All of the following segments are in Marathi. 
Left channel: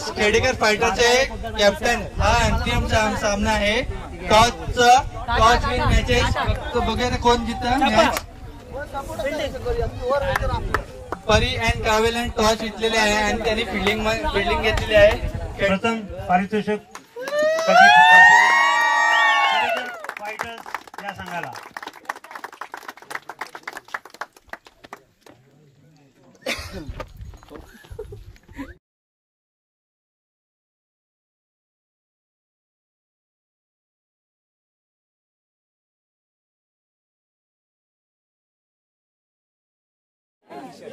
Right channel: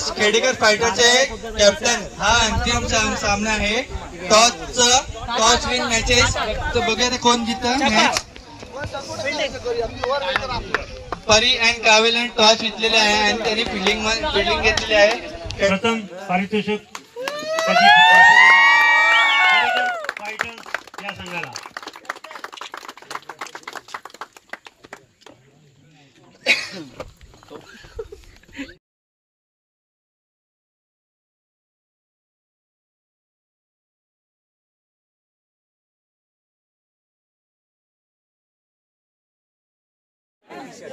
वर्सेस खेडेकर फायटरचे कॅप्टन हा अंतिम सामना आहे. Toss win matches. तो बघूया कोण जिंकतं मॅच. परी अँड कावेलन टॉस जिंकलेले आहे आणि त्यांनी फिल्डिंग घेतलेली आहे. प्रथम पारितोषिक फायटर्स या संघाला.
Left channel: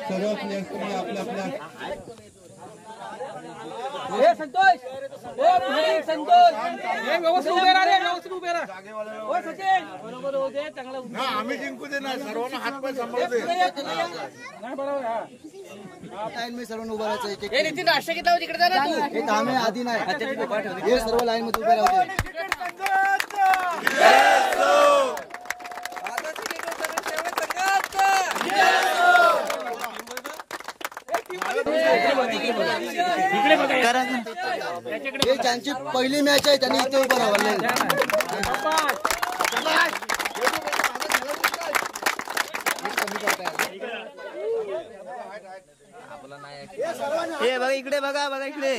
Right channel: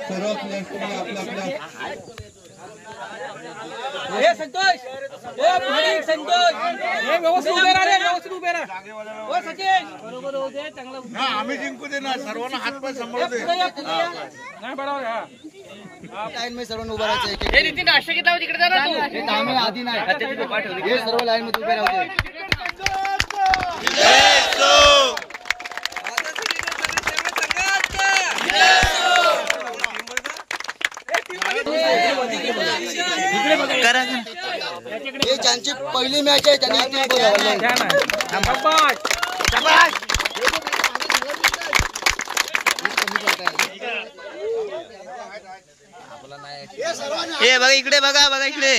सर्व प्लेयर्सनी आपल्या संतोष बरोबर होते चांगला. आम्ही जिंकू दे ना. सर्वांना हातपाय सांभाळू दे. लाईन मध्ये सर्वांना उभा राहायचं. आधी नाही हे सर्व लाईन मध्ये उभे राहते. हे त्यांची पहिली मॅच आहे. त्यांनी इथे हे बघा इकडे बघा इकडे.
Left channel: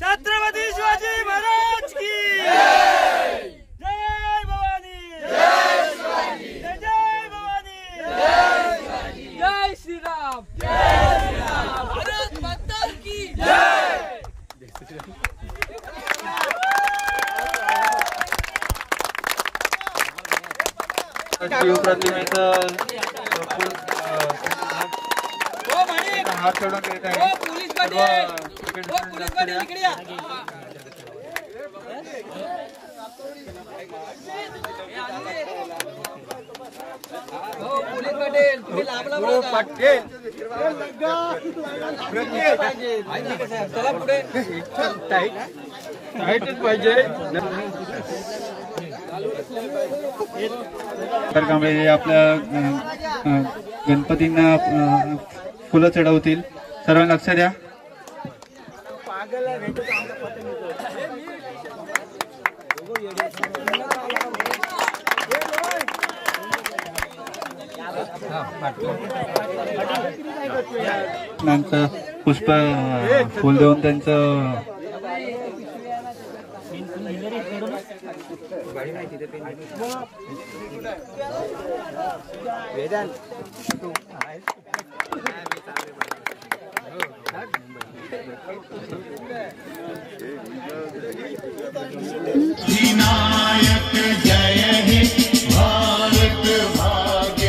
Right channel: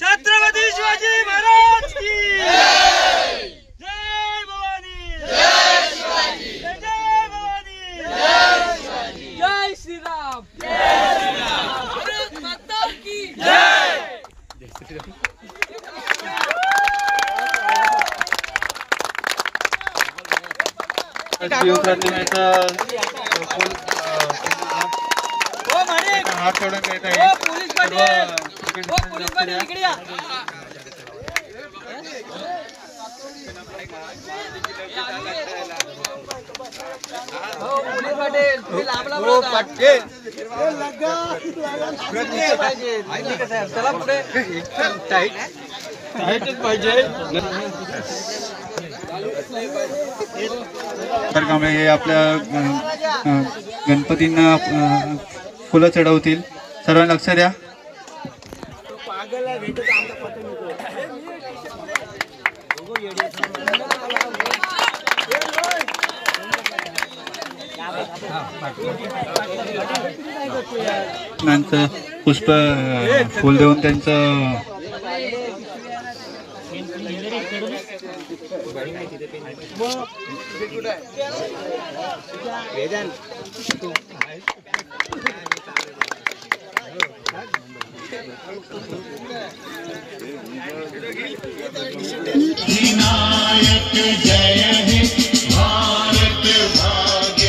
छत्रपती शिवाजी महाराज की जय. भवानी जय शिवाजी. जय भवानी जय शिवाजी. जय श्रीराम. जय श्रीराम. भारत माता की जय. हात सोडून घेत आहे. हे आपल्या गणपतींना फुलं चढवतील. सर्वांना लक्ष द्या. त्यांचं पुष्प फुल देऊन त्यांचं विनायक जय हे भारत भाग्य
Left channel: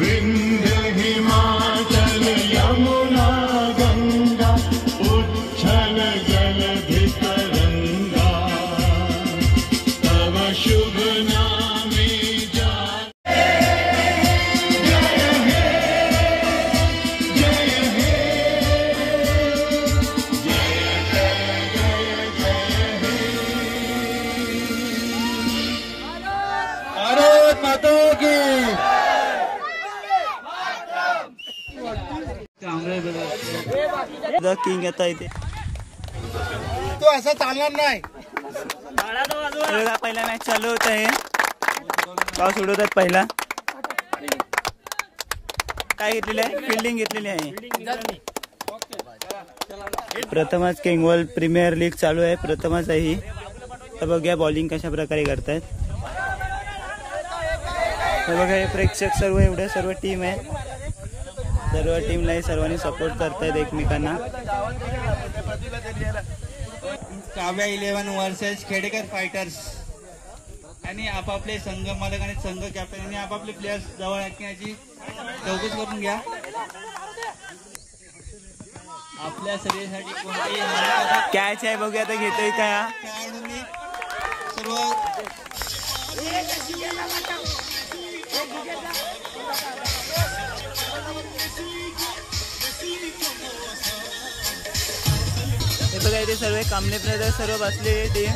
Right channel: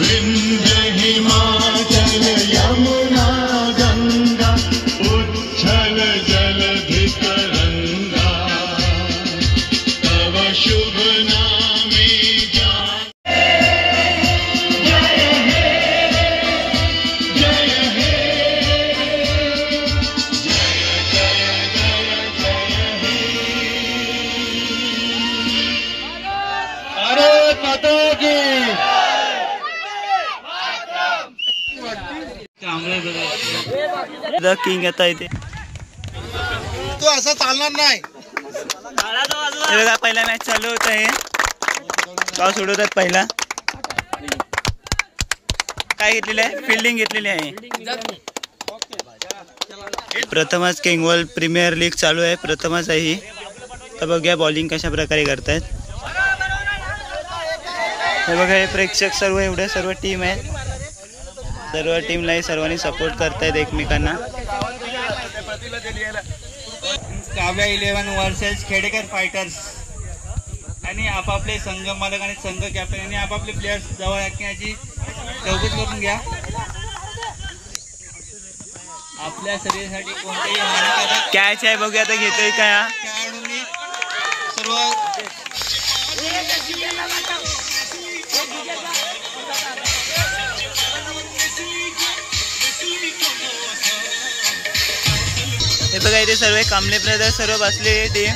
विंध्य हिमाचल यमुना गंगा उच्छल जलधि तरंगा तव शुभ नामे जान. द किंग आता इथे. तो असं चालणार नाही. हे बघा पहिला मॅच चालू होत आहे. पाऊस उडवतात. पहिला काय घेतलेलं आहे. फिल्डिंग घेतलेली आहे. प्रथमच किंगवॉल प्रीमियर लीग चालू आहे. प्रथमच आहे ही. तर बघूया बॉलिंग कशा प्रकारे करतायत. हे बघा हे प्रेक्षक सर्व एवढ्या सर्व टीम आहेत. सर्व टीमलाही सर्वांनी सपोर्ट करतायत एकमेकांना. काव्या 11 वर्सेस खेडेकर फायटर्स आणि आपापले संघ मालक आणि संघ कॅप्टन आणि आपापले प्लेयर्स जवळ याची चौकशी करून घ्या. आपल्या शरीरासाठी कोणतेही कॅच आहे. बघूया आता घेतोय काय. खेळाडूंनी सर्व हे बघा इथे सर्व कांबळे ब्रदर्स सर्व बसले टीम.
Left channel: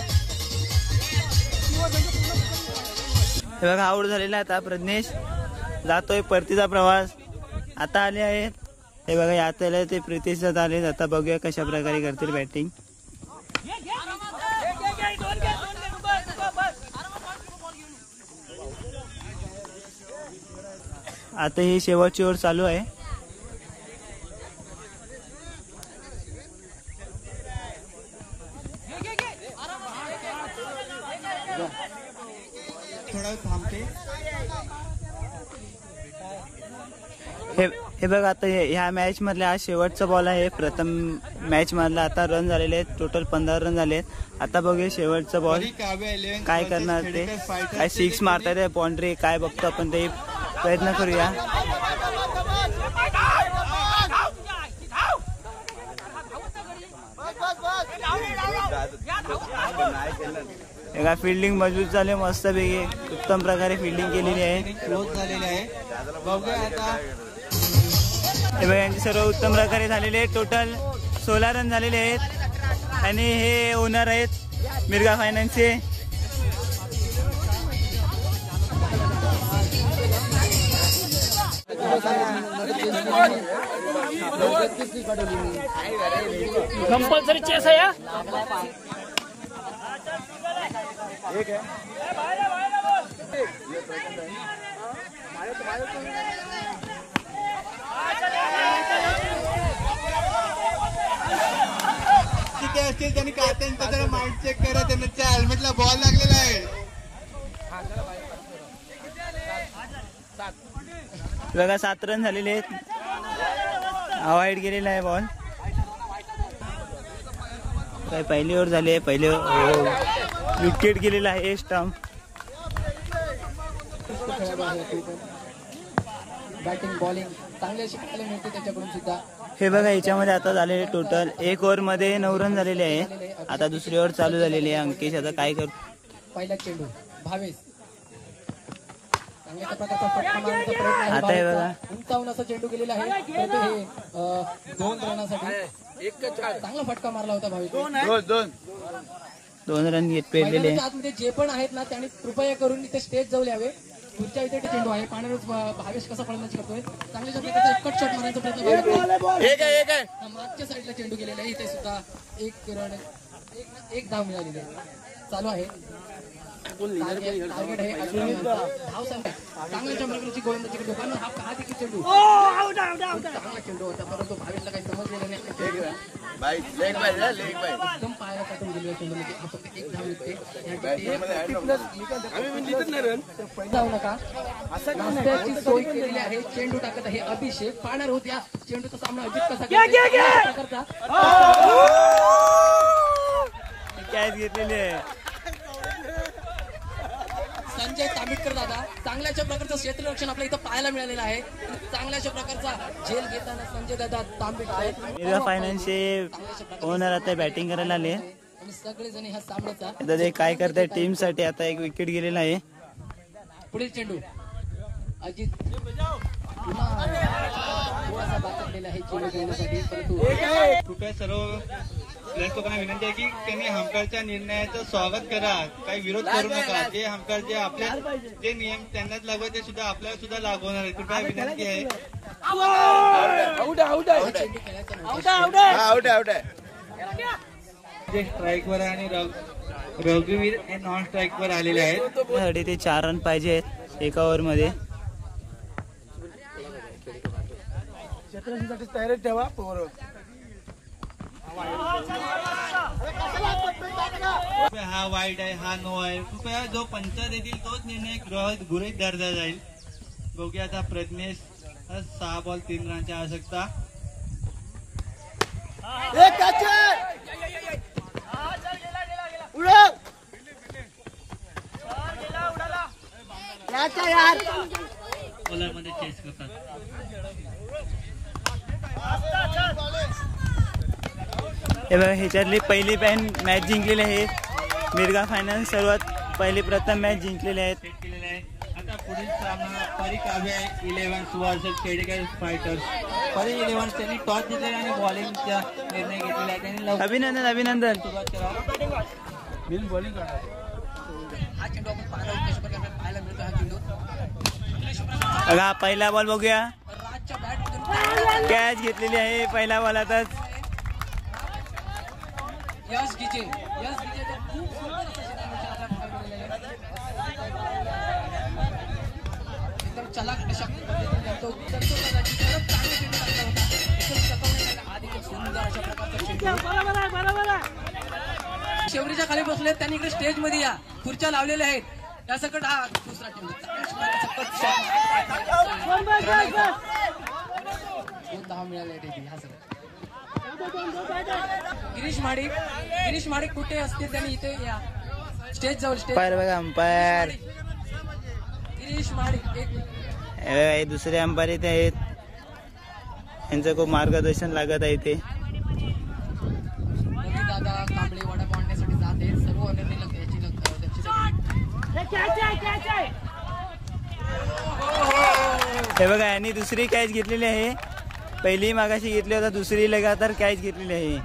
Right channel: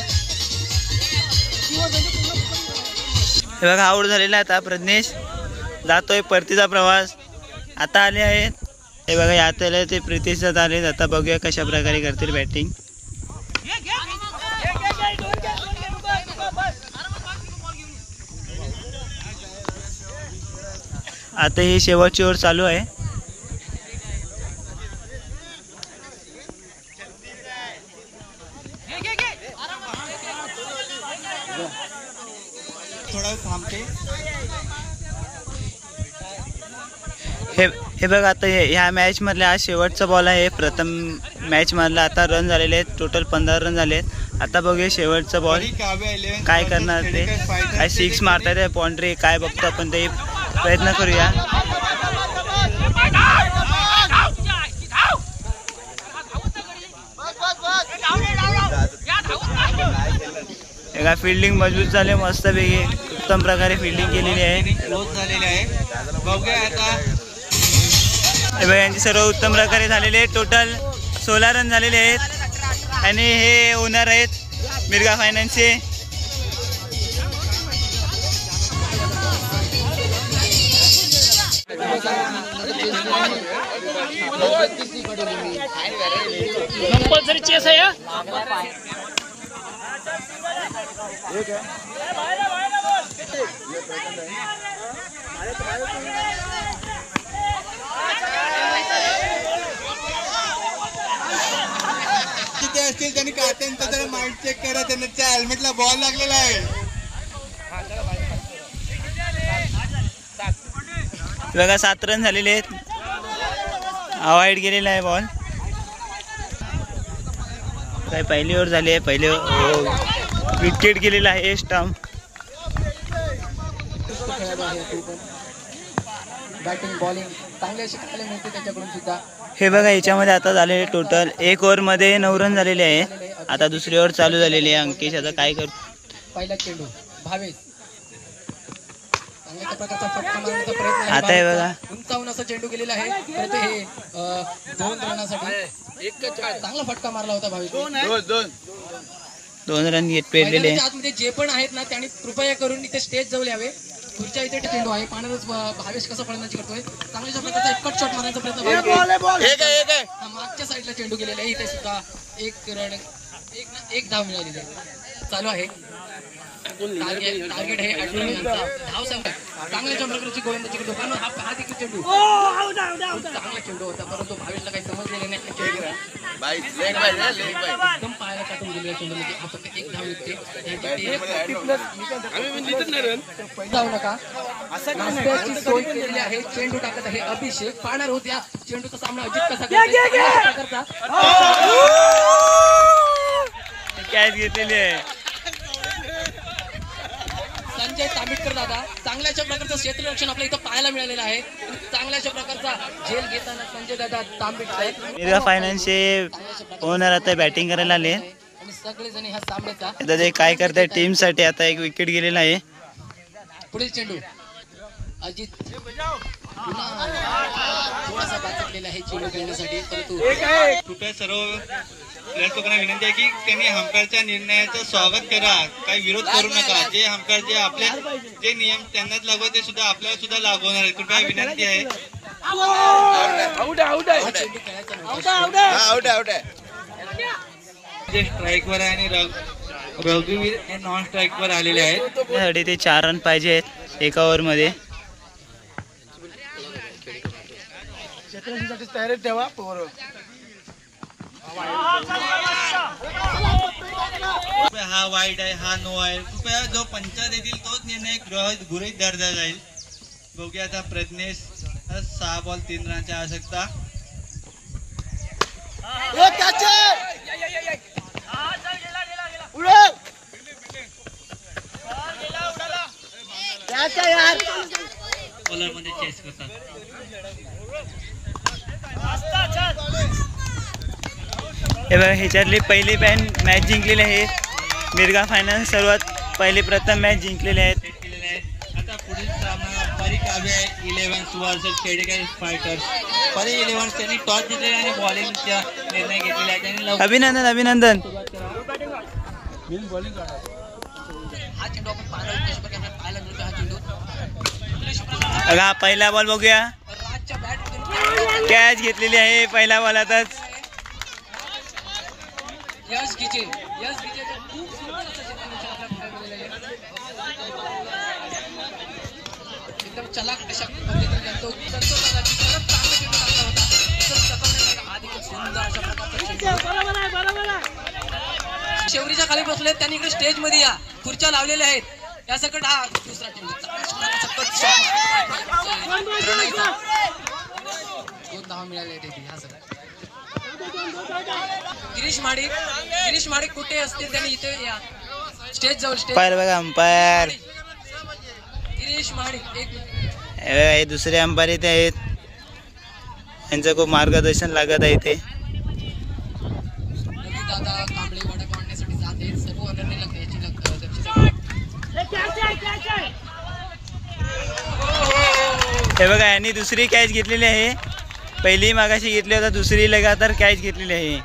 हे बघा आऊट झालेला आता प्रज्ञेश जातोय परतीचा प्रवास. आता आले आहेत हे बघा यात आले ते प्रितेश आले. आता बघूया कशा प्रकारे करतील बॅटिंग. आता ही शेवटची ओव्हर चालू आहे. हे बघ आता ह्या मॅच मधला हा शेवटचा बॉल आहे. प्रथम मॅच मधला आता रन झालेले आहेत. टोटल 15 रन झाले आहेत. आता बघूया शेवटचा बॉल काय करणार ते. काय 6 मारतायत बाउंड्री काय बघतो आपण ते प्रयत्न करूया. एका फिल्डिंग मजबूत झाले मस्त पैकी उत्तम प्रकारे फिल्डिंग केलेली आहे. हे बघा यांची सर्व उत्तम प्रकारे झालेले आहेत. टोटल 16 रन झालेले आहेत आणि हे ओनर आहेत मिर्गा फायनान्सचे. किती असतील त्यांनी त्यांचा जरा माइंड चेक करा. त्यांच्या हेल्मेटला बॉल लागलेला आहे. बघा 7 रन झालेले आहेत. अवॉइड केलेला आहे बॉल. काय पहिली ओव्हर झाली आहे. पहिले विकेट गेलेला आहे स्टंप. बॅटिंग बॉलिंग चांगले शिकायला मिळते त्याच्याकडून सुद्धा. हे बघा याच्यामध्ये आता झालेले टोटल 1 ओव्हरमध्ये 9 रन झालेले आहे. आता दुसरी ओव्हर चालू झालेली आहे. अंकिश आता काय करतो. पहिला चेंडू भावेश चांगल्या प्रकारचा फटका मारण्याचा प्रयत्न. आता हे बघा उंचावून असा चेंडू गेलेला आहे. तर हे 2 रनासाठी चांगला फटका मारला होता भावेश. 2 रन घेत पेरलेले. आतमध्ये जे पण आहेत ना त्यांनी कृपया करून इथे स्टेज जवळ यावे. पुढच्या इथे चेंडू आहे. पाण्यातच भावेश कसा फलंदाजी करतोय. चांगल्या प्रकारचा एक कट शॉट मारण्याचा प्रयत्न. मागच्या साईडला चेंडू गेलेला आहे. इथे सुद्धा 1 रन 1 धाव मिळालेली आहे. चालू आहे. टार्गेट आहे धाव संख्या. चांगल्या प्रकारची गोलंदाजी करतो. पण हा देखील चेंडू चांगला चेंडू होता परंतु भावेशला काही समजलेलं नाही. एकदम पायाला काटून गेलेला चेंडू म्हणजे हा फक्त 1 धाव निघते. जाऊ नका नाश्त्याची सोय केलेली आहे. चेंडू टाकत आहे अभिषेक. पाहणार होत्या चेंडूचा सामना अजित कसा करता. कॅच घेतलेली आहे. संजय तांबिटकर दादा चांगल्याशा प्रकारचं क्षेत्ररक्षण आपल्या इथं पाहायला मिळालेलं आहे. चांगल्याशा प्रकारचा झेल घेताना संजय दादा तांबिटकर मिर्गा फायनान्सचे ओनर आता बॅटिंग करायला आले. आणि सगळेजण ह्या सामन्याचा आता ते काय करताय टीम साठी. आता 1 विकेट गेलेला आहे. पुढील चेंडू अजित पुन्हा थोडासा बाचकलेला आहे चेंडू खेळण्यासाठी. परंतु कृपया सर्व प्लेयर्स लोकांना विनंती आहे की त्यांनी हंपायरच्या निर्णयाचं स्वागत करा. काही विरोध करू नका. जे हंपायर जे आपले जे नियम त्यांनाच लागू ते सुद्धा आपल्याला सुद्धा लागू होणार आहे. कृपया विनंती आहे. जे स्ट्राईक वर आहे आणि रघुवीर हे नॉन स्ट्राईक वर आलेले आहेत. त्यासाठी ते 4 रन पाहिजे आहेत 1 ओव्हरमध्ये. तयारीत ठेवा. हा वाईट आहे हा नो आहे. कृपया जो पंच देतील तोच निर्णय गृहीत धरला जाईल. बघूया आता प्रज्ञेश 6 बॉल 3 रनची आवश्यकता. बॉलर मध्ये चेस करतात. हे बघा ह्याच्यातली पहिली मॅच जिंकलेली आहे. मिर्गा फायनान्स सर्वात प्रथम मॅच जिंकलेले आहेत. आता पुढील सामना परी काव्य 11 वर्सेस खेडेकर फायटर्स. परी 11 त्यांनी टॉस जिंकलेला आणि बॉलिंगचा निर्णय घेतलेला आहे. त्यांनी लवकर अभिनंदन अभिनंदन. हा चेंडू आपण पाहणार कशा प्रकारे पाहायला मिळतो. हा चेंडू बघा पहिला बॉल बघूया. राजच्या बॅट कॅच घेतलेली आहे पहिल्या बॉलातच. यश गिजेचा खूप सुंदर असं क्षेत्ररक्षण केलेलं आहे. एकदम चलाक अशा पद्धतीने जातो. चांगला चेंडू टाकला होता. एकदम चपळपणे हा देखील सुंदर अशा प्रकारचा चेंडू. शेवरीच्या खाली बसले त्यांनी इकडे स्टेज मध्ये या खुर्च्या लावलेल्या आहेत. या सकट हा दुसरा चेंडू 2 धावा मिळाले आहेत. हा सगळं गिरीश माडिक कुठे असतील त्यांनी इथे या स्टेज जवळ. अंपायर बघा अंपायर. गिरीश माडिक एक हे दुसरे अंपायर इथे आहेत. यांचं खूप मार्गदर्शन लागत आहे इथे. दादा कांबळे वडापाव आणण्यासाठी जात आहेत. सर्व निर्णय याची हे बघा यांनी दुसरी कॅच घेतलेली आहे. पहिली मागाशी घेतली होता, दुसरी लगातार कॅच घेतलेली आहे.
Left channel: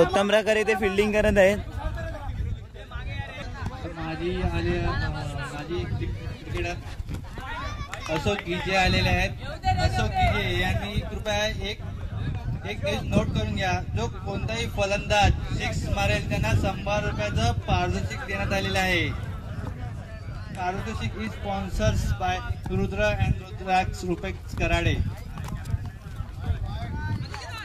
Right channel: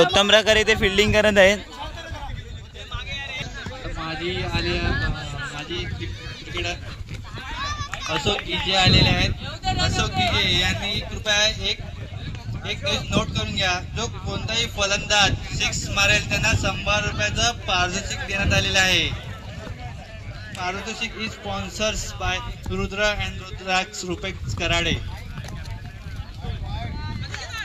उत्तम प्रकारे ते फिल्डिंग करत आहेत. माजी क्रिकेटर अशोक गिजे आलेले आहेत. अशोक गिजे यांनी कृपया एक न्यूज नोट करून घ्या. जो कोणताही फलंदाज 6 मारेल त्यांना 100 रुपयाचं पारितोषिक देण्यात आलेलं आहे. पारितोषिक is sponsors by Rudra and Rudraksh Rupex Karade.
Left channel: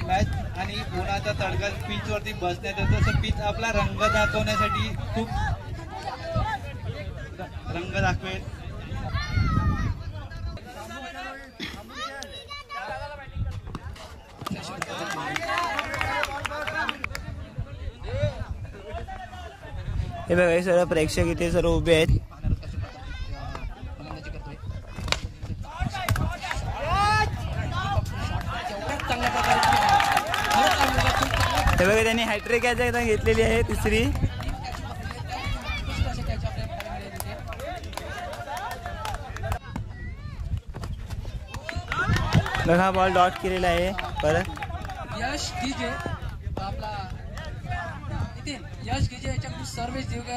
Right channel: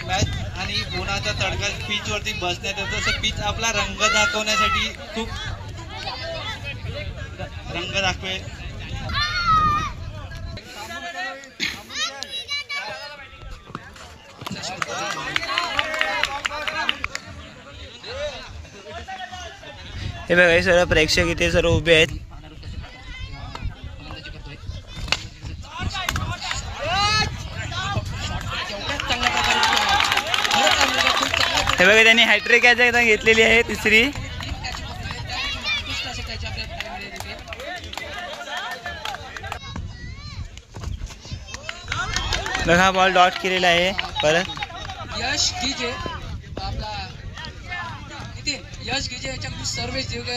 Match आणि उन्हाचा तडका पिच वरती बसण्यात येतो. तसं पिच आपला रंग दाखवण्यासाठी खूप रंग दाखवेल. हे बघा हे सर्व प्रेक्षक इथे सर्व उभे आहेत. हे बघा त्यांनी हॅट्रिक कॅच एकदा घेतलेली आहे तिसरी. बघा बॉल डॉट केलेला आहे परत. यश गिजे याच्याकडून सर्वेश देवकर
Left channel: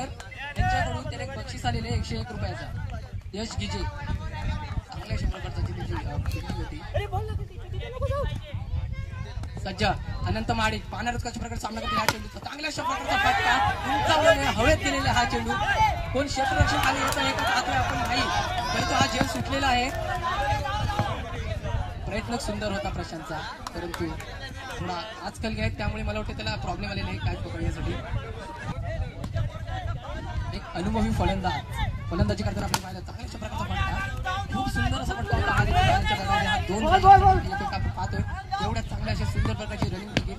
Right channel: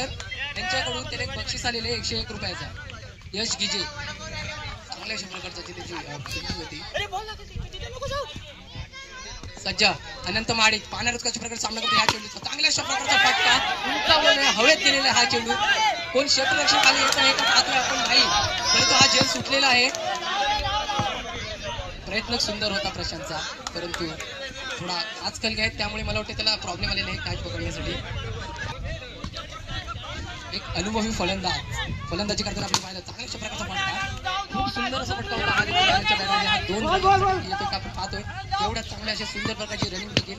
यांच्याकडून त्याला एक बक्षीस आलेले 101 रुपयाचा. यश गिजे चांगल्या प्रकारची होती. सज्जा अनंत माडिक पाहणारच कशा प्रकारे सामना करतो. ह्या चेंडूचा चांगल्या प्रकारचा फटका उंचावलेला हवेत गेलेला हा चेंडू. कोण क्षेत्ररक्षण खाली येत आहे का पाहतोय आपण नाही, परंतु हा झेल सुटलेला आहे. प्रयत्न सुंदर होता प्रशांतचा, परंतु थोडा आजकाल घ्यायत त्यामुळे मला वाटतं त्याला प्रॉब्लेम आलेला आहे कॅच पकडण्यासाठी. एक अनुभवी फलंदाजी करताना आपण पाहिलं चांगल्या प्रकारचा फटका, खूप सुंदर असा फटका होता. आपण पाहतोय एवढ्या चांगल्या अशा सुंदर प्रकारची रनिंग देखील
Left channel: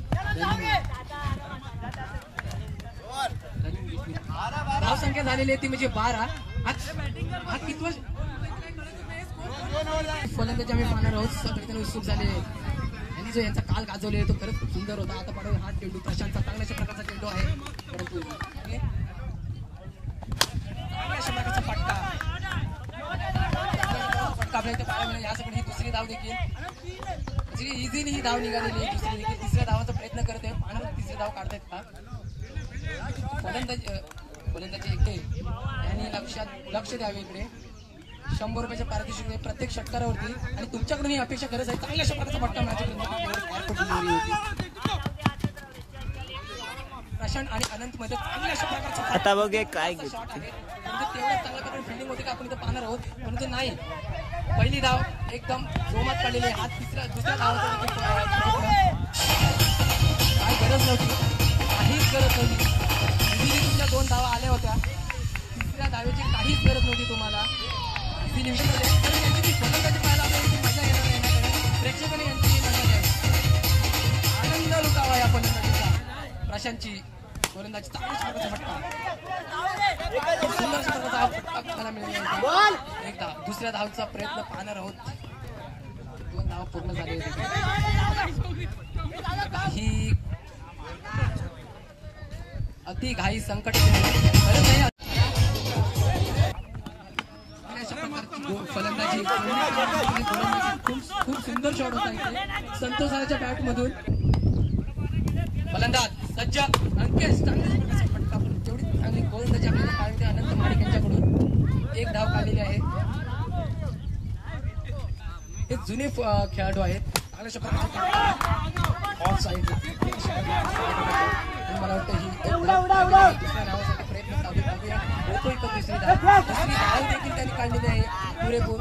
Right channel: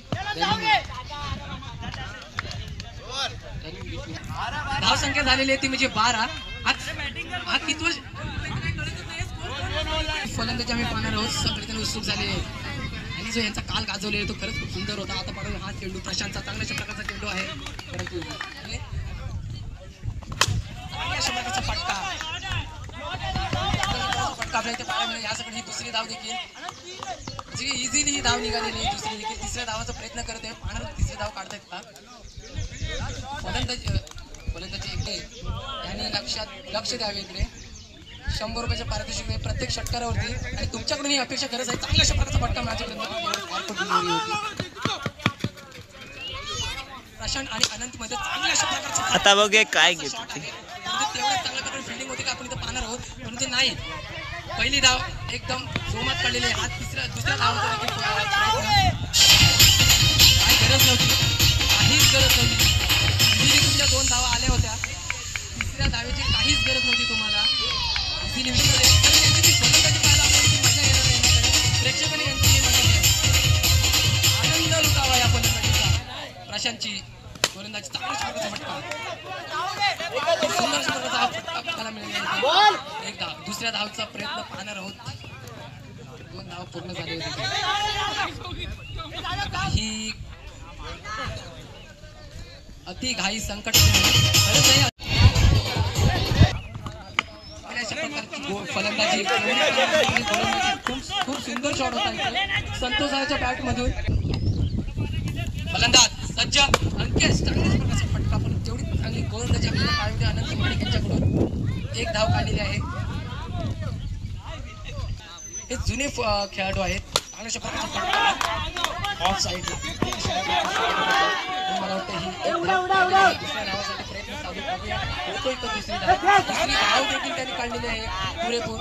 धाव संख्या झालेली आहे ती म्हणजे 12. हा कितवा फलंदाजी आम्ही पाहणार आहोत. सगळे उत्सुक झाले आणि जो यांचा काल गाजवले तो खरंच खूप सुंदर होता. आता पाहून हा चेंडू प्रशांतचा चांगल्याशा प्रकारचा चेंडू आहे, परंतु चांगल्याशा प्रकारचा फटका आपल्या इथे पाहायला मिळेल. यासाठी ही दुसरी धाव देखील इझिली ही धाव निघालेली आहे. दुसरी देखील तिसऱ्या धावाचा प्रयत्न करत आहे. पाहणार तिसरी धाव काढतायत का फलंदाजी इकडे यांनी लक्ष द्यावे. इकडे 100 रुपयाच्या पारितोषिक प्रत्येक षटकारावरती आणि तुमच्याकडून ही अपेक्षा गरज आहे. चांगल्या अशा प्रकारचा फटका माझ्यापर्यंत प्रशांत आणि अनंत मध्ये चांगल्या अशा प्रकारचा आता बघे काय घेतो तेवढ्या चांगल्या प्रकारे फिल्डिंग होती का आपण इथं पाहणार आहोत, परंतु नाही. पहिली धाव एकदम जोमात काढलेली आहे. हा दुसऱ्या धावाचा देखील काही गरज नव्हती, काहीच गरज नव्हती. तुमच्या 2 धावा आल्या होत्या, तिसऱ्या धावेची काहीच गरज नव्हती तुम्हाला. प्रेक्षकांनी आनंद लुटावा या फलंदाजीचा. प्रशांतची गोलंदाजी चांगल्याच प्रकारचा फटका, सुंदर प्रकारचा फटका मला मिळाला. एक धाव दुसऱ्या धावचा प्रयत्न पाहणार आहोत. 2 धाव पूर्ण झाले होते. ही अति घाई संकट फलंदाजी खूप सुंदर शॉट होता इथे संतोषाच्या बॅट मधून. फलंदाज सज्ज अंकेश चांगल्याच प्रकारचा फटका, पण तेवढी चांगली गोलंदाजी आपल्याला काढली अनंत माडिक यांच्याकडून. एक धाव काढलेली आहे. हे जुने खेळाडू आहेत. चांगल्याशा प्रकारचा ऑफ साईड मला वाटतं ही दुसऱ्या नावासाठी प्रयत्न चालू करूया. होतोय का दुसरी धाव देखील त्यांनी काढलेली आहे पुरेपूर.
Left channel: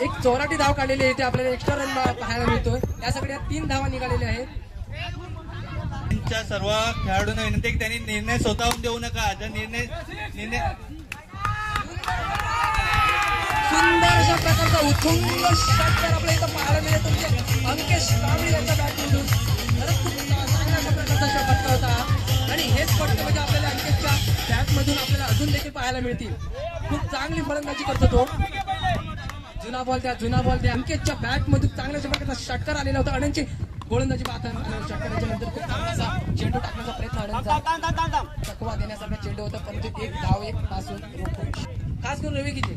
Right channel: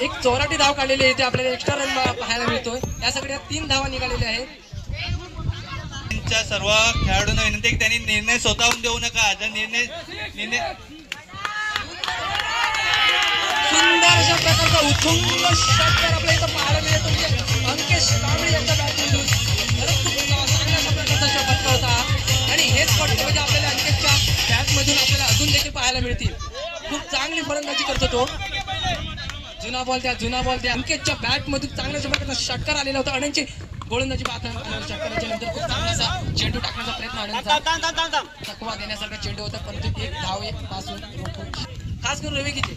एक 84 धाव काढलेली आहे. ते आपल्याला एक्स्ट्रा रन पाहायला मिळतोय. या सगळ्या 3 धावा निघालेल्या आहेत. सर्व खेळाडूंना विनंती की त्यांनी निर्णय स्वतःहून देऊ नका. जर निर्णय सुंदर अशा प्रकारचा उत्तुंग षटकार आपल्या इथं पाहायला मिळतो. अंकेश कांबळे यांच्या बॅटमधून खरंच खूप चांगल्या अशा प्रकारचा फटका होता आणि हेच फटके म्हणजे आपल्याला अंकेशच्या बॅटमधून आपल्याला अजून देखील पाहायला मिळतील. खूप चांगली फलंदाजी करतो तो. जुना बॉल त्या अंकेशच्या बॅटमधून चांगल्या अशा प्रकारचा षटकार आलेला होता. अनंतची गोलंदाजी पाहता षटकाराच्या नंतर खूप चांगलासा चेंडू टाकण्याचा प्रयत्न अनंतचा थकवा देण्यासारखा चेंडू होता, परंतु एक धाव एक पासून खास करून रवी गीते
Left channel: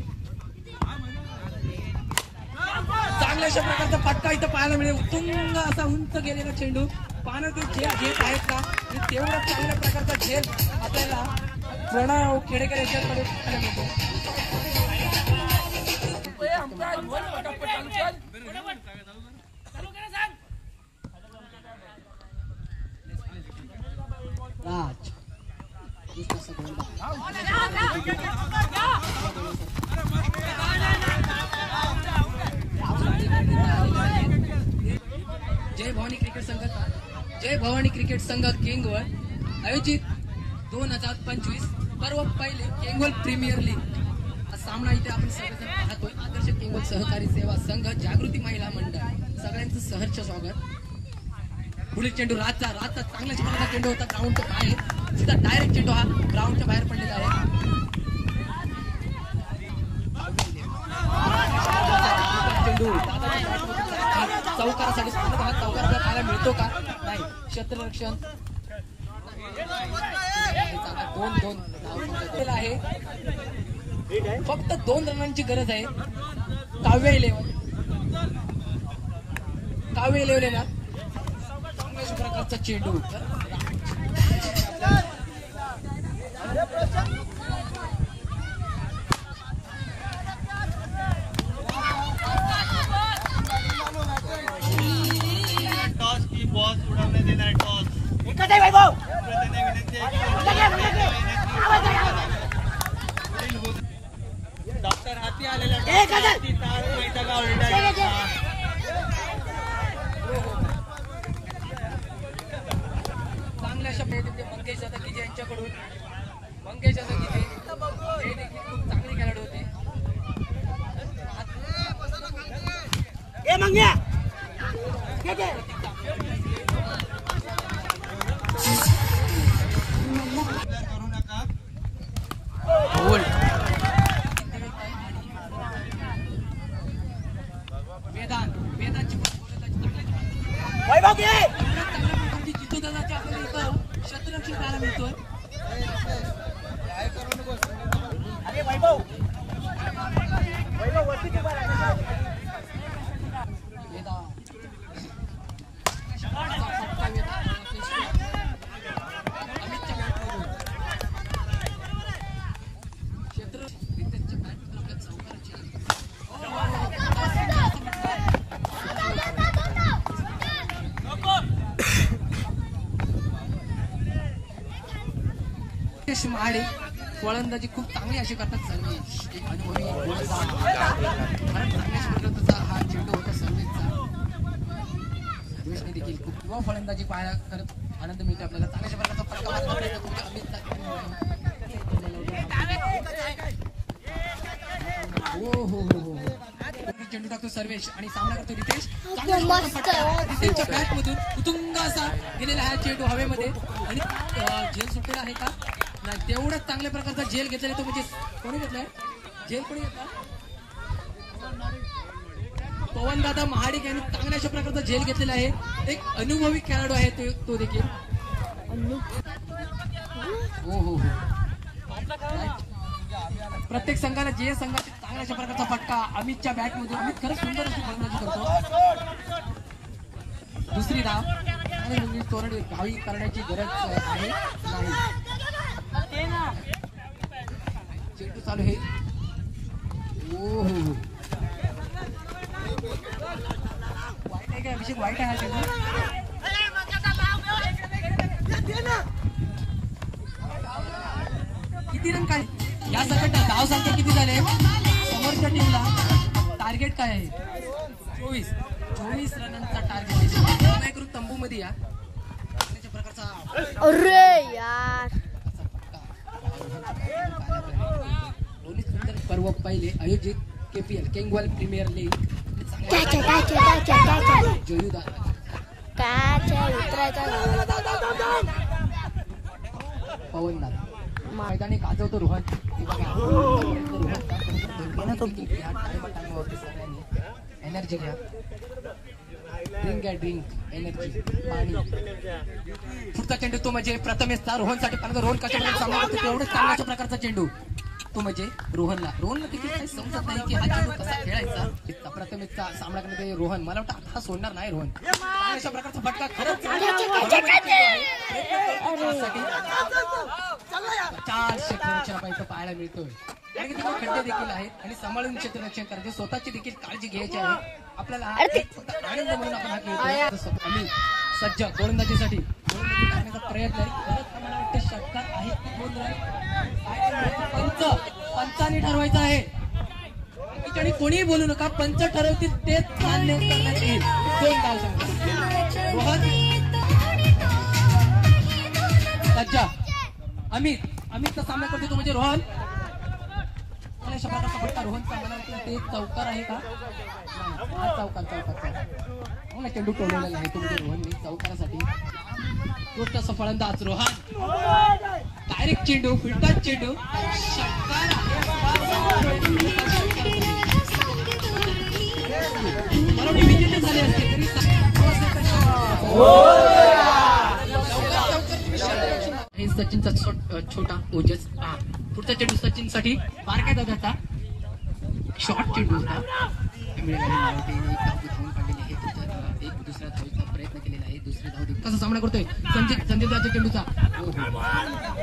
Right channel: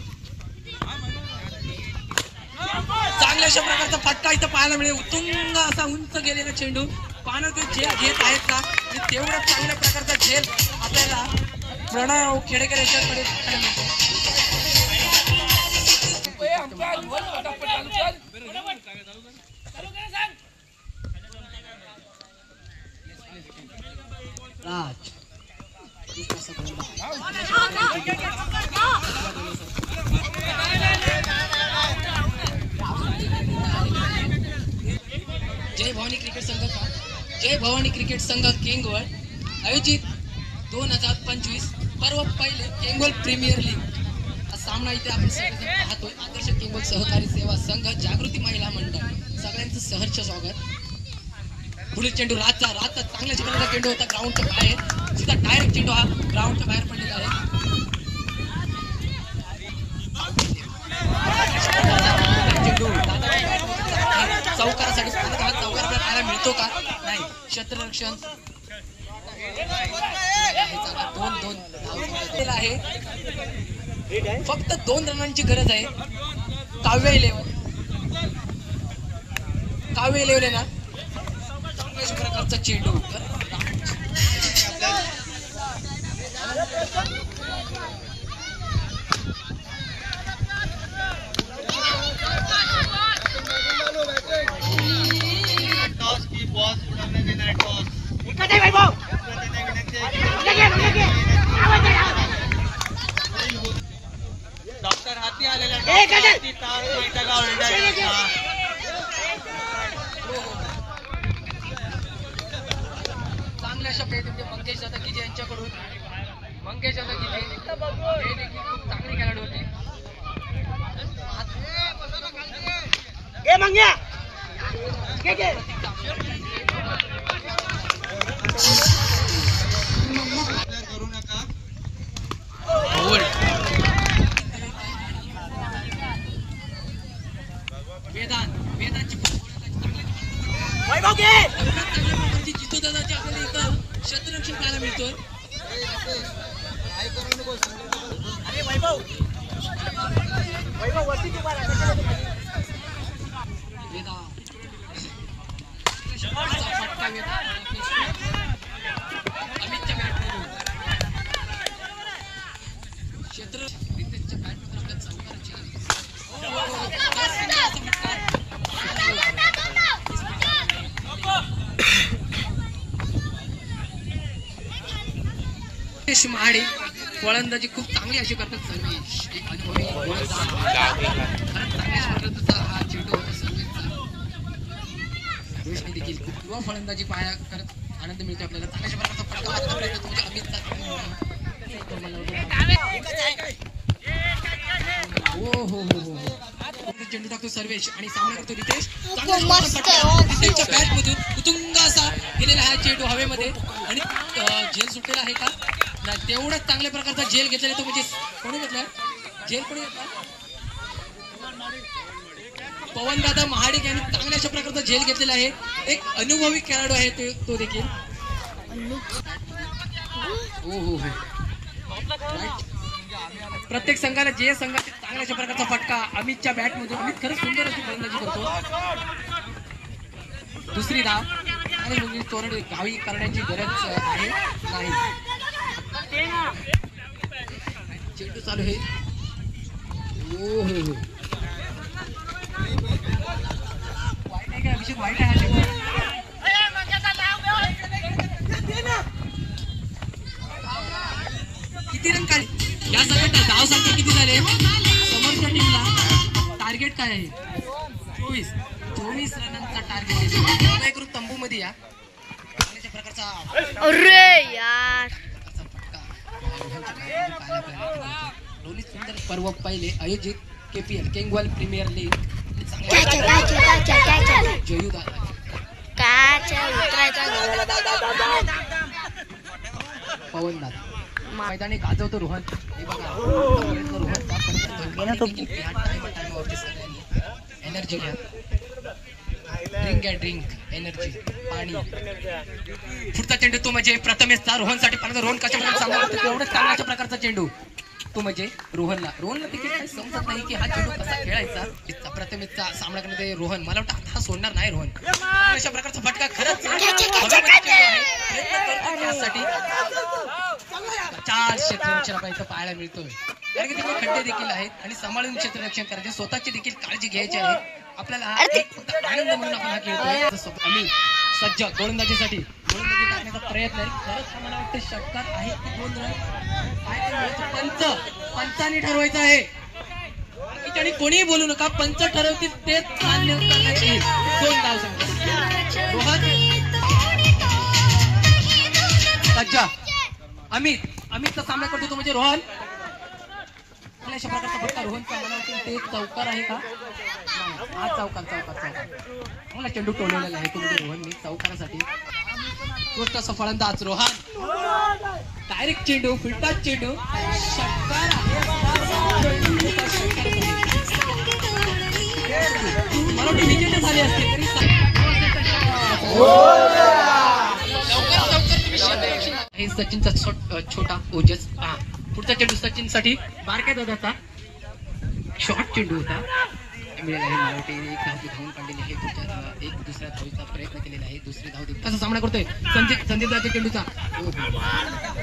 चांगल्या अशा प्रकारचा फटका इथं पाहायला मिळेल. उत्तुंग असा उंच गेलेला चेंडू. पाहणं ते झेल घेत आहेत का, तेवढा चांगल्या प्रकारचा झेल आपल्याला प्रणव खेडेकर यांच्याकडे पाहायला मिळतो. राज जय भवानी क्रिकेट संघ केंगवळ आयोजित 2025 पर्व पहिले केंगवळ प्रीमियर लीग हा सामना इथे आपण सगळेजण पाहतोय. आदर्श केंगवळ सहकारी सेवा संघ जागृती महिला मंडळ सगळ्यांचं सहर्ष स्वागत. पुढील चेंडू रातचा चांगल्या चेंडूचा चेंडू होता ग्राउंडच्या बाहेर. सीधा डायरेक्ट चेंडू हा ग्राउंडच्या बाहेर पडलेला आहे. चेंडू चौकारासाठी हा चौकार आपल्याला पाहायला मिळतो का नाही. क्षेत्ररक्षण 2-2 आहे. फक्त 2 रनांची गरज आहे. काव्य इलेव्हन आहे ना. चांगल्याच प्रकारचा चेंडू डॉक्टर हाती आलेला चांगल्या अशा प्रयत्न मंगेश दादा गिजे यांच्याकडून. मंगेश दादा गिजे हे देखील खूप चांगले खेळाडू होते. करू नका. वेदांची जितूदादाची आपल्याला इथं क्षेत्ररक्षण पाहायला मिळतोय. अमितच्या बॅटमधून क्षेत्र महाडे गोलंदाजी खूप चांगली अशी करतात. सर्वेश एक अनुभवी हा चेंडू होता सर्वेशचा. सर्वेशने देखील खूप युवा फलंदाजी पाहायला करत आनंद मिळतो आपल्याला. चांगल्या प्रकारचा फटका अमितचा चेंडू टाकतो सर्वेश आणि सामना करतो रितेश. रितेशच्या बॅट मधून उतुंग असा गेलेला हा चेंडू हवेमध्ये आणि झेल सुटलेला आहे का नाही. तेवढाच चांगल्या प्रकारचा झेल घेतलेला तो म्हणजे कोणी घेतला झेल कोणी घेतला. पवन दादा महाडिक यांनी चांगल्या अशा प्रकारचा झेल घेतलेला आहे. एक अनुभवी खेळाडू आहे तो देखील. प्रत्येक संघाला जे संघात चांगल्या अशा प्रकारचा फटका अमितच्या बॅट मध्ये. अमित खरंच सुंदर अशी गोलंदाजी करतो. दुसरी धाव तोरण गावी करण्याची गरज आहे नाही. चेंडू चालू आहे. वाईट आहे का अभिषेक? वाईट आहे चेंडू. किती रन काढले या सगळ्या? धाव संख्या किती झाले समोरच्या टीमला? टार्गेट काय आहे? 24 रनांचा टार्गेट आहे. करून तंबू मध्ये या प्रकारचा अरे यार रोहित सुंदर पर्व पहिले आयोजित KPL केंगवाल प्रीमियर लीग पवन दादा मैदानी गाजवतो रोहन. हे बघा एनर्जी घ्या. ड्रिंक एनर्जी पाणी. पुढचा चेंडू तो म्हणजे प्रथमेशचा रोहनसाठी. रोहन कशा प्रकारे तेवढंच चांगल्या प्रकारचा चेंडू तो म्हणजे रोहनला देखील काही समजत नाही की हा चेंडू कसा खेळायचा. प्रथमेशचा सामना करण्यामध्ये रोहन मला वाटतं आता सोडणार नाही. रोहन अशा प्रकारचा फटका खरंच 4 क्षेत्ररक्षण इथं पाहायला मिळतोय. कारण की तिथे खड्डे देखील आहेत आणि सांभाळून क्षेत्ररक्षण करायचे. स्वतःची देखील काळजी घ्यायची आहे आपल्याला. आनंद म्हणून आपण हा खेळतोय. आम्ही सज्ज गोलंदाजीसाठी गोलंदाजी करण्याचा प्रयत्न आहे. खरंच मला वाटतं षटकार आहे 2 रन. पंचाने ठरवायचं आहे. आणि कोणीही बोलू नका. पंच ठरवतील तेच मान्य करण्यात येईल. 2 धाव संख्या. रोहन सज्जा अमितचा सामना करतो तो म्हणजे रोहन. अशा प्रकारचा फटका रोहनचा ते चौकार आहे का? हा चौकार मला चेंडू टोलवलेला आहे तो म्हणजे रोहन चौकारासाठी. गोष्ट फलंदाज रोहन डायरेक्ट चेंडू फिल्टर चेंडू मला विकेट झाले असते तरी हे सचिनचा छोटा ओजस. पुढचा चेंडू सचिन साठी बारक्या दादाचा शॉर्ट चेंडू होता. एक दुसऱ्या धावीचा प्रयत्न केलेला आहे. दुसरी धाव कसा सामना करतोय संदीप दाच्या चेंडूचा.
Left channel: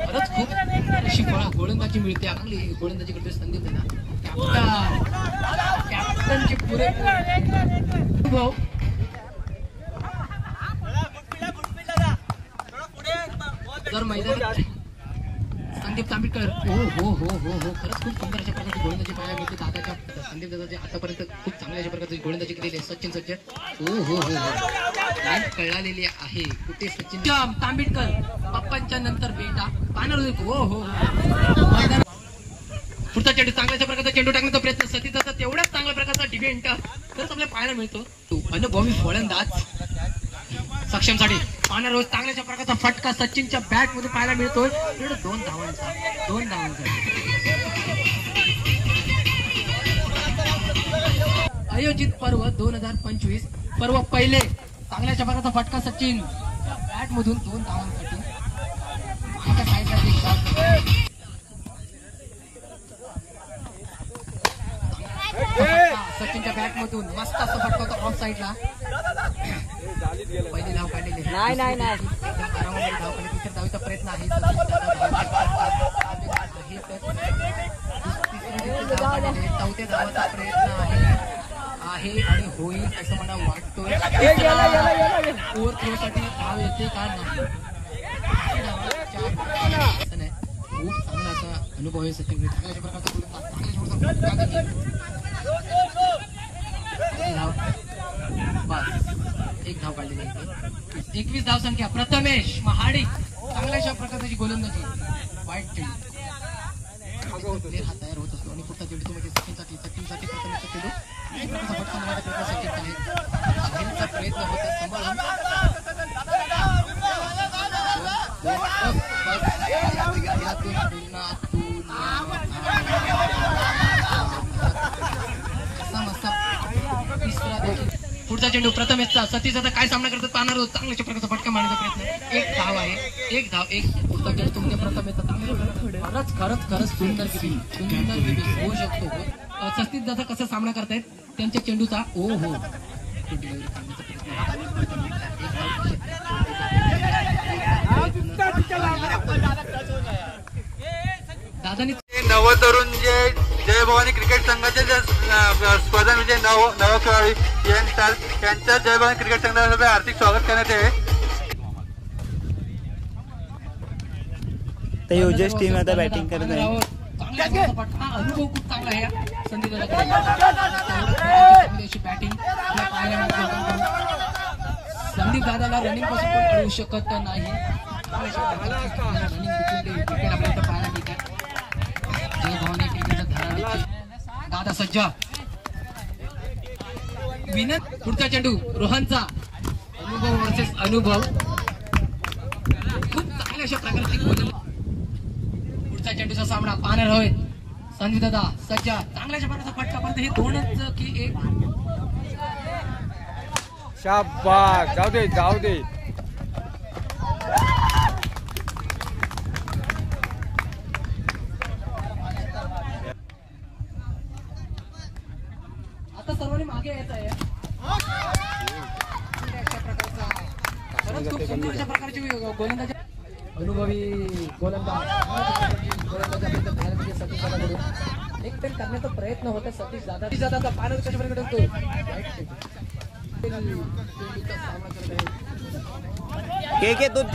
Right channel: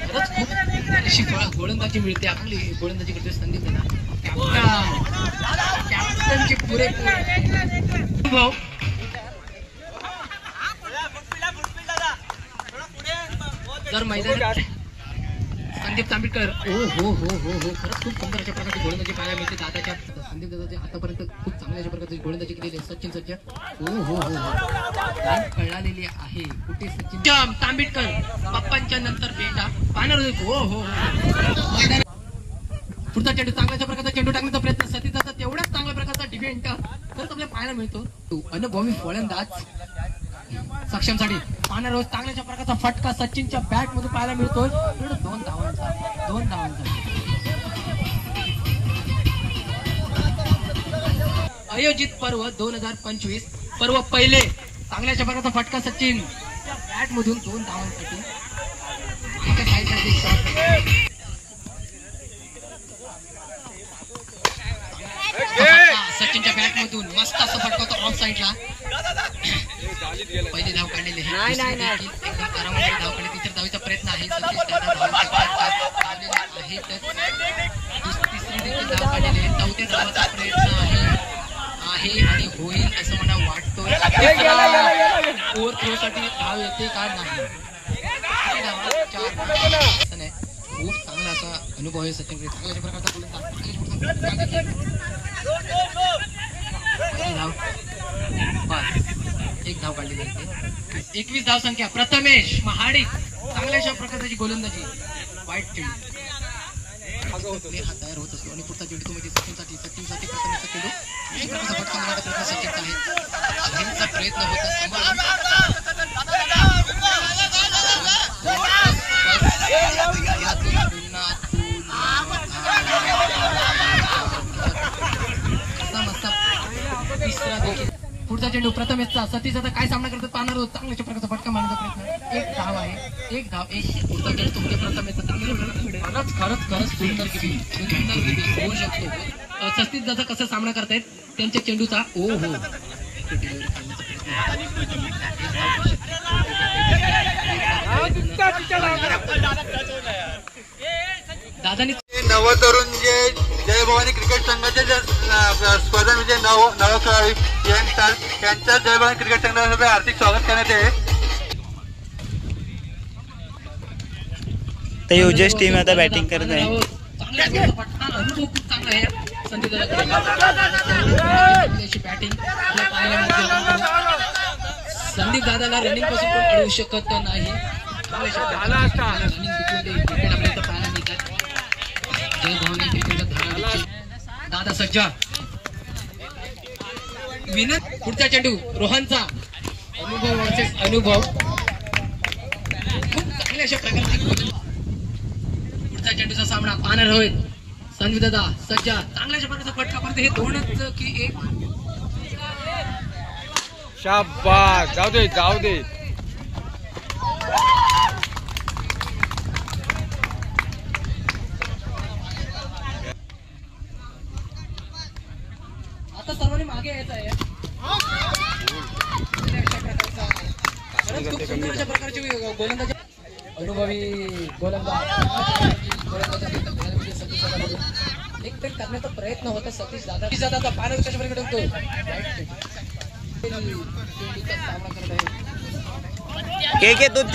खरंच खूप अशी गोलंदाजी मिळते. आपली गोलंदाजी करतोय संदीप दादा. कॅप्टनचे पुरेपूर भाऊ. जर मैदानात संदीप तांबेकर हो खरंच खूप सुंदर अशा प्रकारची गोलंदाजी पाहायला मिळते. दादाच्या संदीप दादाचे आतापर्यंत खूप चांगल्या अशा प्रकारची गोलंदाजी केलेली आहे. सचिन सज्ज कळालेली आहे. कुठे सचिन तांबेकर पप्पांच्या नंतर बेटा पाहणार मैदान. पुढचा चेंडू चांगल्या प्रकारचा चेंडू टाकण्याचा प्रयत्न सतीचा तेवढ्याच चांगल्या प्रकारचा डिफेंड तर आपल्याला पाहायला मिळतो. अनुभवी फलंदाज सक्षमसाठी पाहणार रोज चांगल्या प्रकारचा फटका सचिनच्या बॅट मध्ये पाहायला मिळतोय. 2 धावांचा आयोजित पर्व 2025 पर्व पहिले चांगल्या प्रकारचा फटका सचिन बॅट मधून 2 धावांसाठी. सचिनच्या बॅट मधून मस्त असं फटका होता ऑफ साईडला. पहिली धाव काढलेली आहे. एकदम आरामामध्ये धाव काढली. तिसऱ्या धावीचा प्रयत्न आहे. तिसरी धाव काढलेली आहे. 4थ्या धावाचा प्रयत्न आहे आणि होईल असं मला वाटतोय. ओव्हर थ्रो साठी धाव येते का नाही. खूप चांगला असा अनुभव आहे सचिन. चांगल्या प्रकारचा एक धाव काढलेली आहे. 21 धाव संख्या. प्रथमेश महाडिक चांगल्याशा प्रकारची गोलंदाजी. वाईट चेंडू हा तयार होत असतो आणि पुढचा चेंडू म्हणजे सचिनसाठी प्रथमेशचा चेंडू फटका मारण्याचा प्रयत्न सचिनचा आहे. अभिनचा प्रयत्न होता सांभाळून. तिसरा देखील पुढचा चेंडू प्रथमेशचा सतीश आता काय सामना करतात पाहणार आहोत. चांगल्या प्रकारचा फटका मारण्याचा प्रयत्न. एक धाव आहे, एक धाव. एक पुढचा चेंडू तुमच्या प्रथमेशचा चांगला खरंच सुंदर किती होऊ शकतो. सतीश दादा कसं सामना करतायत त्यांच्या चेंडूचा. ओ हो दादानी नवतरुण जे जय भवानी क्रिकेट संघाचे जे स्पर्धा म्हणजे नव खेळाडू यंगस्टर त्यांचं जय भवानी क्रिकेट संघातर्फे हार्दिक स्वागत करण्यात येईल. तर युजेस टीम आता बॅटिंग करत आहे. अनुभव खूप चांगला आहे संदीप बॅटिंग. संदीप दादाला रनिंग पासून पण अडवू शकत नाही. रनिंग विकेट आपल्याला पाहायला मिळतात. जय भवानी क्रिकेट दादा सज्जा विनत. पुढचा चेंडू रोहनचा. अनुभव वर्सेस अनुभव. खूप चांगल्या अशा प्रकारचे पुढचा चेंडूचा सामना पाहणार रोहित. संदीप दादा सज्जा चांगल्या अशा प्रकारचा फटका पडतो. हे दोनच की एक. शाबास जाऊ दे जाऊ दे. आता सर्वांनी मागे यायचं आहे. प्रकारची गोलंदाजी अनुभवी एक तर करण्याचा प्रयत्न होता सतीश दादा पाण्यात कशा प्रकारे करतोय. सामना करत आहे. घे दोन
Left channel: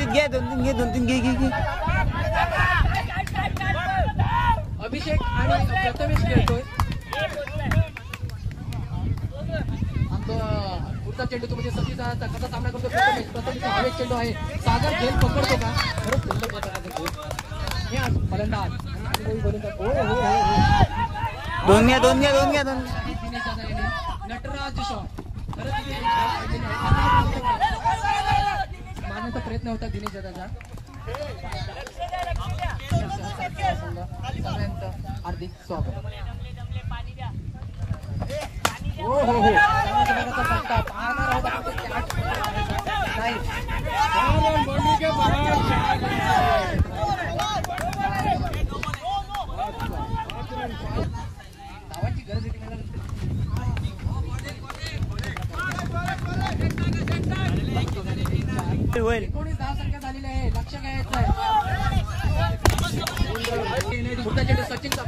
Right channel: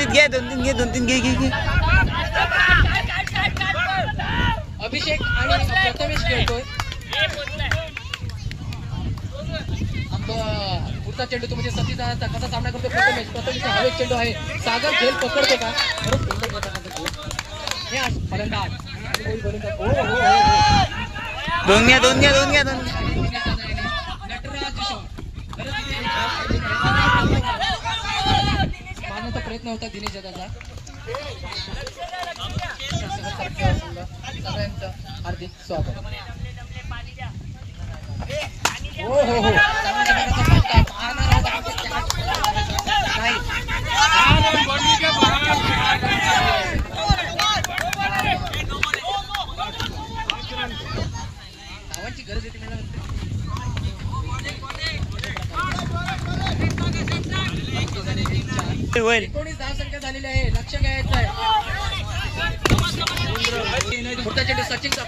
तीन घे. अभिषेक आणि प्रथमेश खेळतोय. पुढचा चेंडू म्हणजे सतीश दादाचा कसा सामना करतो. प्रथमेश हवेत चेंडू आहे. सागर झेल पकडतो का. दोन घ्या. नटराज शॉट मारण्याचा प्रयत्न होता दिनेश दादाचा. सगळ्यांचं हार्दिक स्वागत. हो चांगल्या प्रकारचा फटका पाहणार आहोत. धावांची गरज येते मला. 19 धावसंख्या झालेली आहे. लक्ष घ्यायचं आहे. पुढचा चेंडू सचिनचा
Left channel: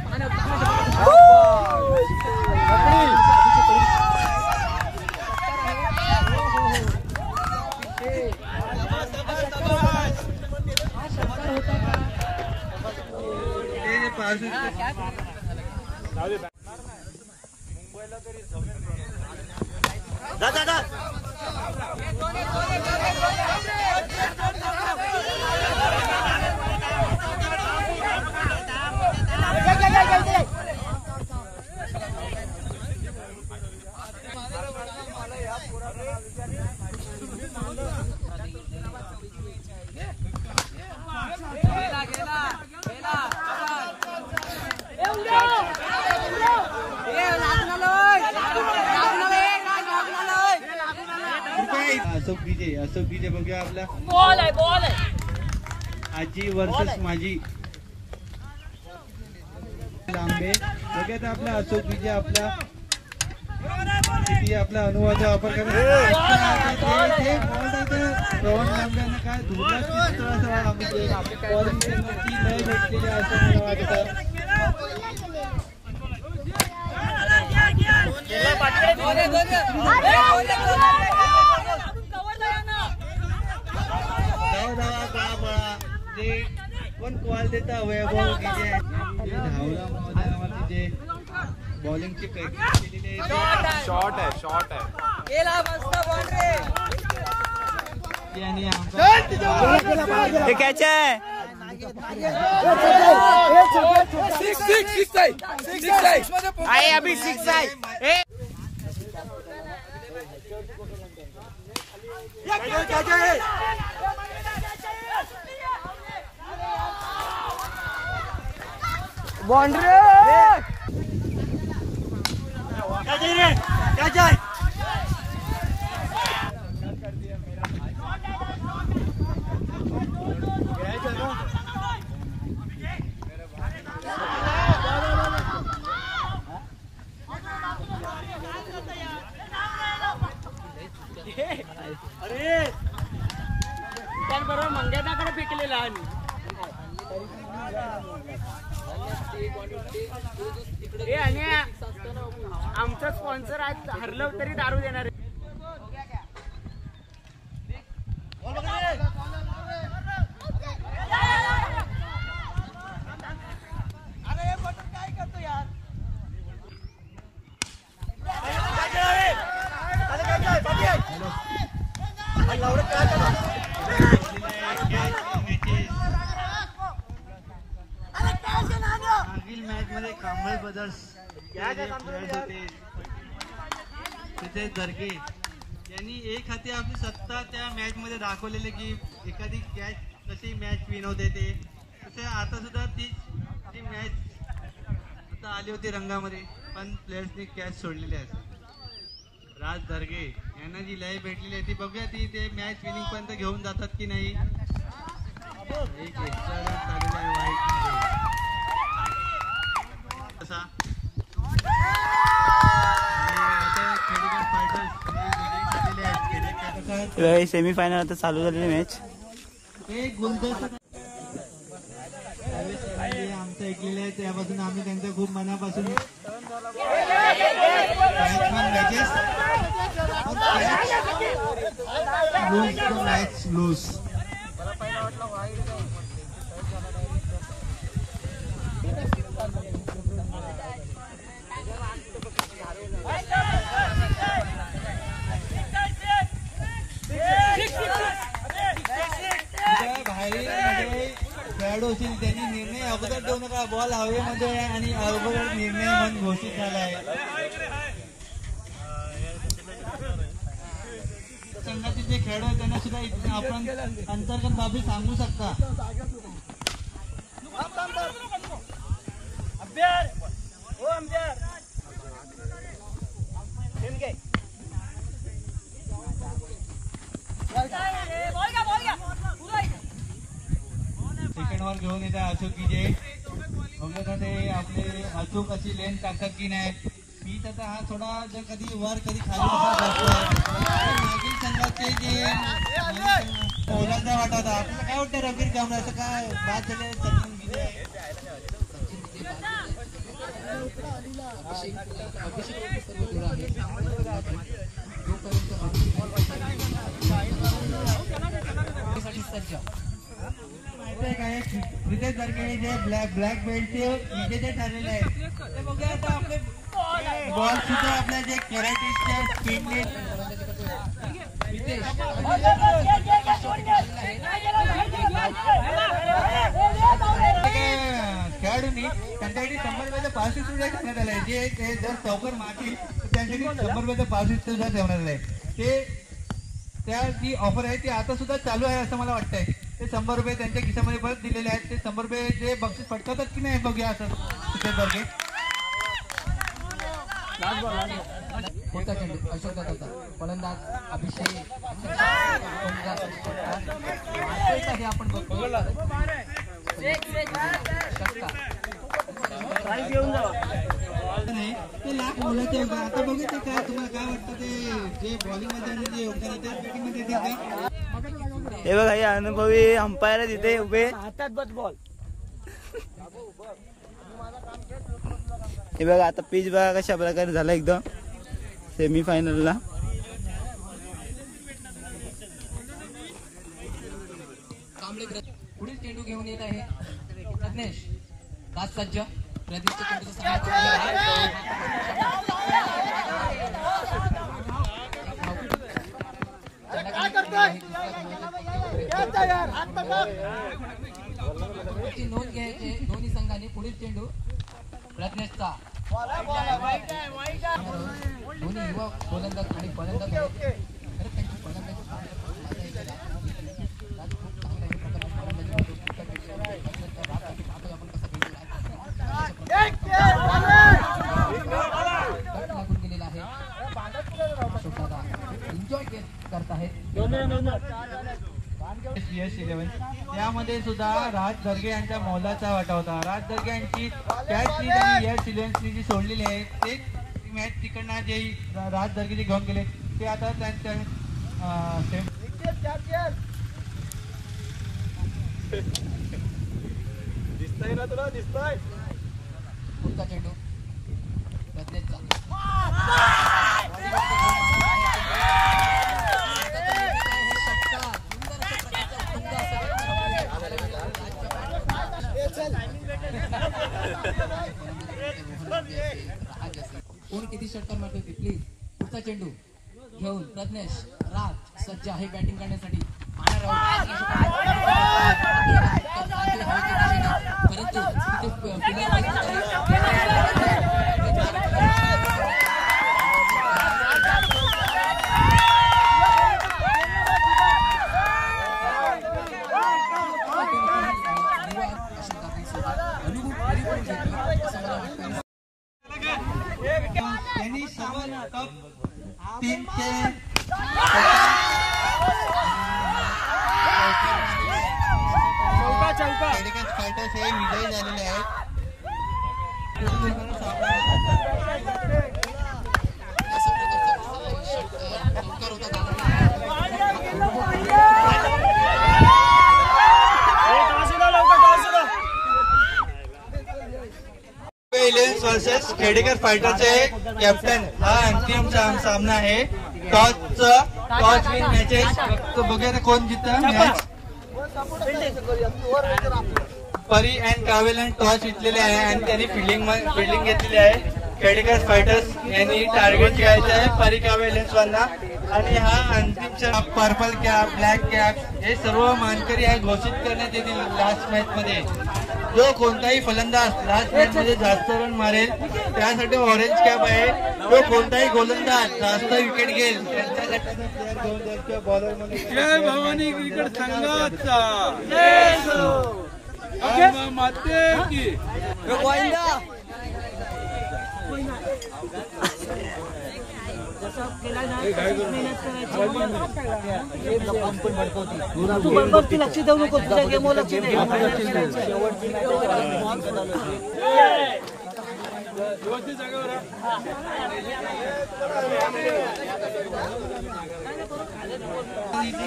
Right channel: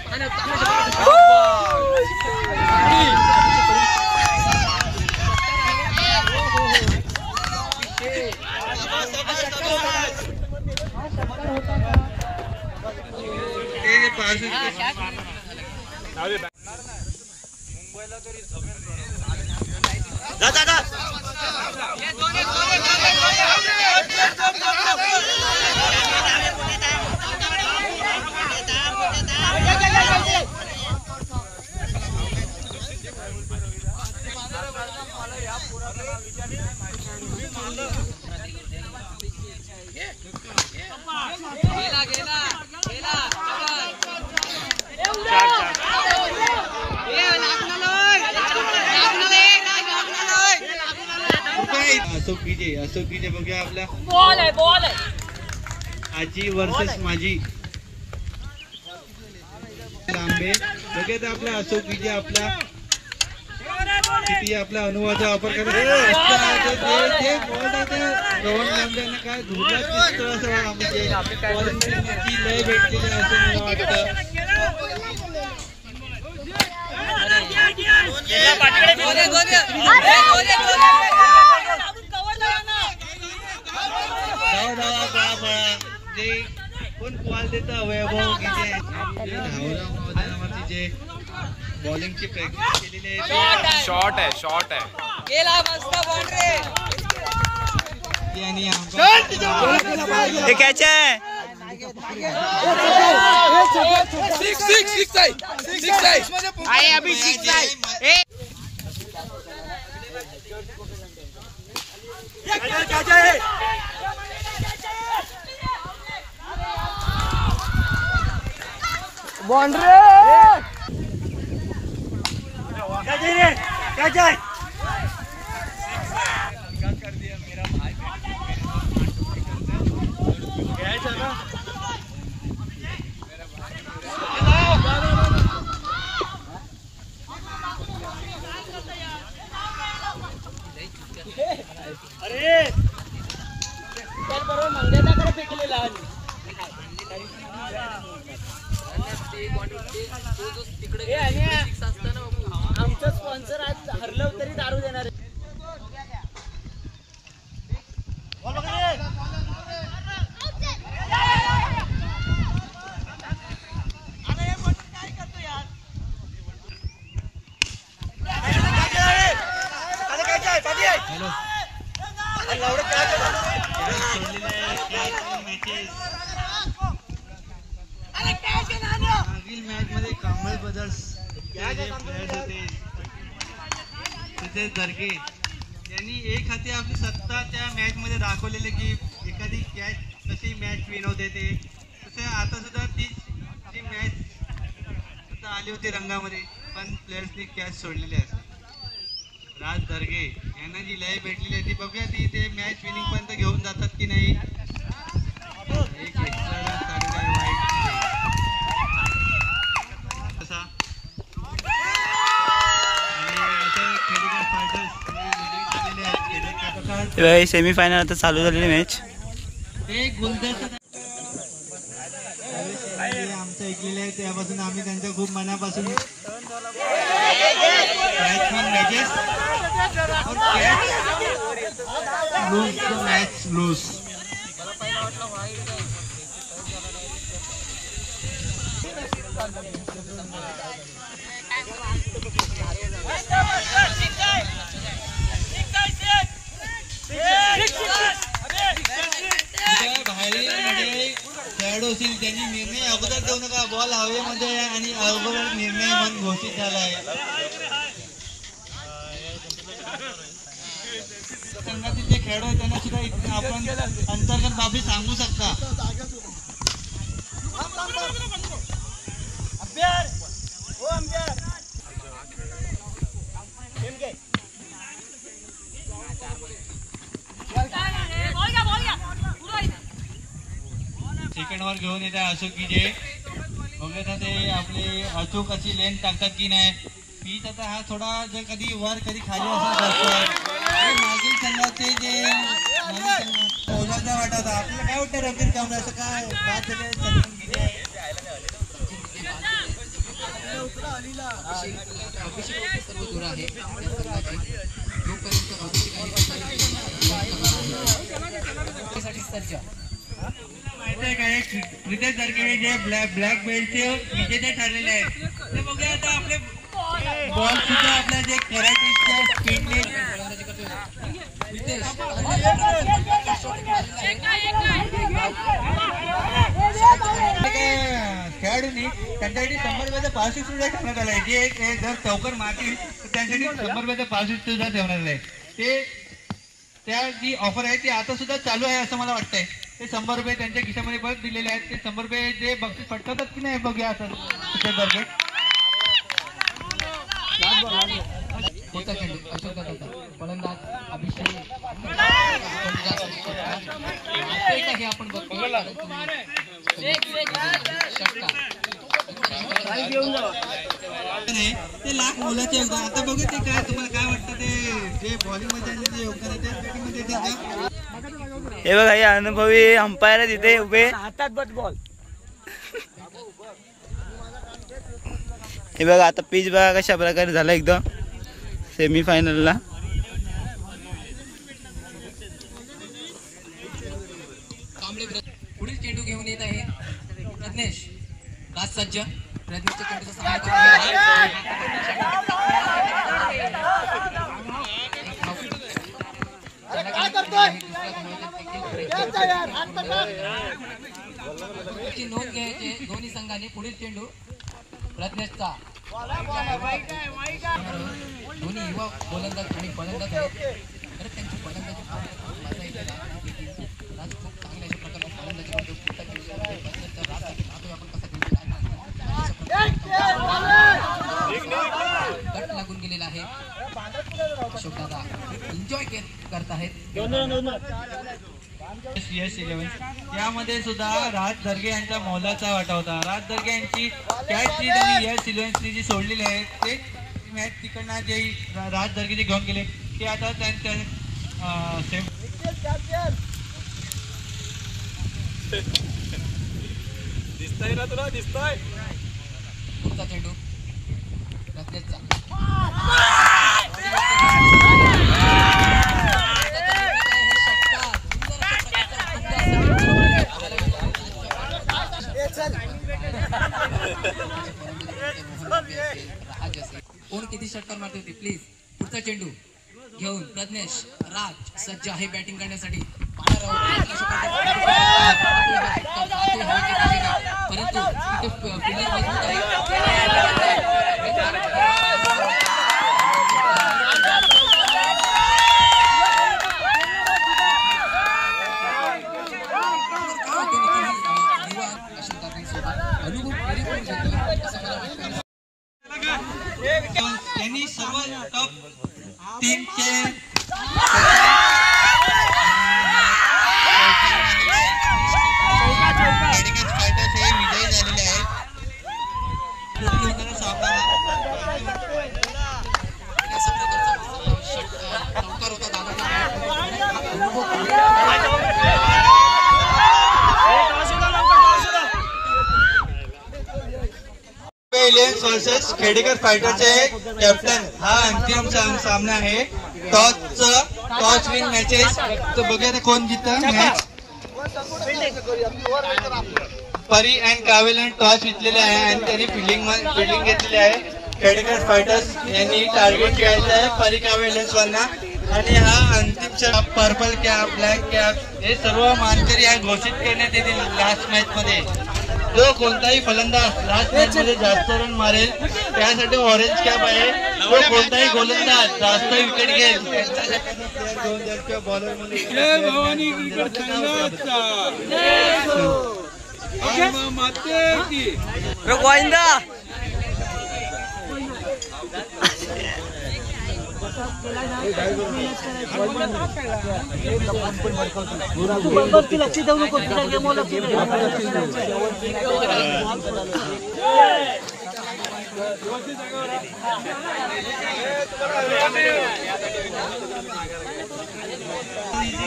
अशोक गिजे बघूया आपला आजी वर्सेस माझी लांबे बघूया आपला अशोक गिजे आपला किती आपला अनुभवाचा वापर करत काय लय भेटलेली आहे असं मला वाटतं. कोण कॉल देता वैभव गिजे धावला मैदानावरती जे बॉलिंगची प्रॅक्टिस केलेली आहे. शॉट आहे हे कॅच आहे. बाउंड्री आमचं स्पॉन्सर आज हरलं तरी दारू देणार. मागील मॅच मध्ये कांबळे ब्रदर्स तिथे दर्गे यांनी एक हाती आपली सत्ता त्या मॅच मध्ये दाखवलेले की एखादी कॅच कशी मॅच विन होते ते तसे आता सुद्धा ती मॅच आता आली होती रंगामध्ये पण प्लेयर्सनी कॅच सोडलेली आहे. राज दर्गे यांना जी लय भेटलेली आहे ती बघूया ती ते मॅच विनिंग पर्यंत घेऊन जातात की नाही. एक सेमी फायनल आता चालू झालेली मॅच. आमचं ऐकलेलं आहे त्यापासून आम्ही त्यांच्या खूप मनापासून मॅच लूज. बाहेर खेळाडू असतील त्यांनी निर्णय अगोदर देऊ नका. बॉल हवेमध्ये आणि अगोदर निर्णय मन घोषित झाला आहे. संघातील जे खेळाडू आहेत त्यांना सुद्धा आपण अंतर्गत बाबी सांगू शकता. सेकंड वर घेऊन येत आहे अशोक की जे बघत ते आपले अचूक अशी लेन टाकतात की नाही. पीच आता हा थोडा जर कधी वर कधी खाली असा जातो. मागील संघाचे जे ओलाचा वाटत आपल्याला काय वाटतं रबीर काम असं काय बाद झाले. रितेश दर्गे जे ब्लॅक बेल्टचे विजेते ठरलेले आहेत ते बघूया आता आपले बॉल सुद्धा आपल्या जे कराटेच्या स्पीडने खेळाडूंनी त्यांच्यासाठी 100 पासिंग सुद्धा ठेवण्यात आलं आहे. जे जर चौकर मारतील तर त्यांच्यासाठी 100 पासिंग सुद्धा ठेवण्यात आलं आहे. ते त्या जी ऑफर आहे ती आता सुद्धा चालू आहे असं मला वाटतंय. ते 100 रुपये त्यांच्या खिशामध्ये परत दिलेले आहेत. ते 100 रुपये जे बक्षीस पटकवतात की नाही बघूया असं दर्गे. फलंदाज अभिषेक आपण बघतो ते लाख मोलाचे योगदान. आता बघू ते काय तुम्हाला काय वाटतं ते जे बॉलिंग मध्ये जे योगदान आहे ते बॅटिंग मध्ये देतील का. हे बघा हे अनुभवी अंपायर तिथे उभे. हे बघा आता पिच बघा कशा प्रकारे झाला एकदम सेमी फायनलला. पुढील चेंडू घेऊन येत आहे प्रज्ञेश राज सज्ज. नोंद घ्यायचे दोन्ही संघाने. पुढील चेंडू प्रज्ञेशचा. दोन्ही युवा गोलंदाज आणि फलंदाज आहेत. खरं त्यांची फलंदाजी राज खूप चांगल्या अशा प्रकारे फलंदाजी करतो. गट लागून गेलेला आहे. अशोक दादा एन्जॉय करत आहेत. यामध्ये सुद्धा राज दर्गे यांचा मोलाचा वाटा होता. राज दर्गे यांची कॅच जी त्यांनी यस इलेव्हन्सनी जी सोडलेली आहे ते मॅच तिकडनं जे राज दर्गे जे घेऊन गेले ते आता त्यांच्या दिसतंय ना तुला दिसतंय पुढचा चेंडू कोण किती षटकार मारते होती प्लीज. पुढचा चेंडू घेऊन प्रज्ञेश राज सज्ज आहे बॅटिंग करण्यासाठी. परंतु त्यांनी सर्व टॉप टीमचे फायटर्स हे विजयी झालेले आहेत. इलेव्हन वर्सेस खेडेकर फायटरचे कॅप्टन हा अंतिम सामना आहे. Toss win matches. तो बघूया कोण जिंकतं मॅच. परी अँड कावेलन टॉस जिंकलेले आहे आणि त्यांनी फिल्डिंग घेतलेली आहे. खेडेकर फायटर्स यांनी टार्गेट खेळायचं आहे परी कावेलन्सवाल्यांना. आणि हा अंतिम पर्पल कॅप ब्लॅक कॅप हे सर्व मानकरी हा घोषित करण्यात येतील लास्ट मॅच मध्ये. जो कोणताही फलंदाज लास्ट मॅच मध्ये जास्त रन मारेल त्यासाठी ऑरेंज कॅप आहे. तो कोणताही गोलंदाज जास्त विकेट घेईल त्यांच्यासाठी बॉलर मध्ये भवानी क्रिकेट संघाचा लक्ष देऊ नको.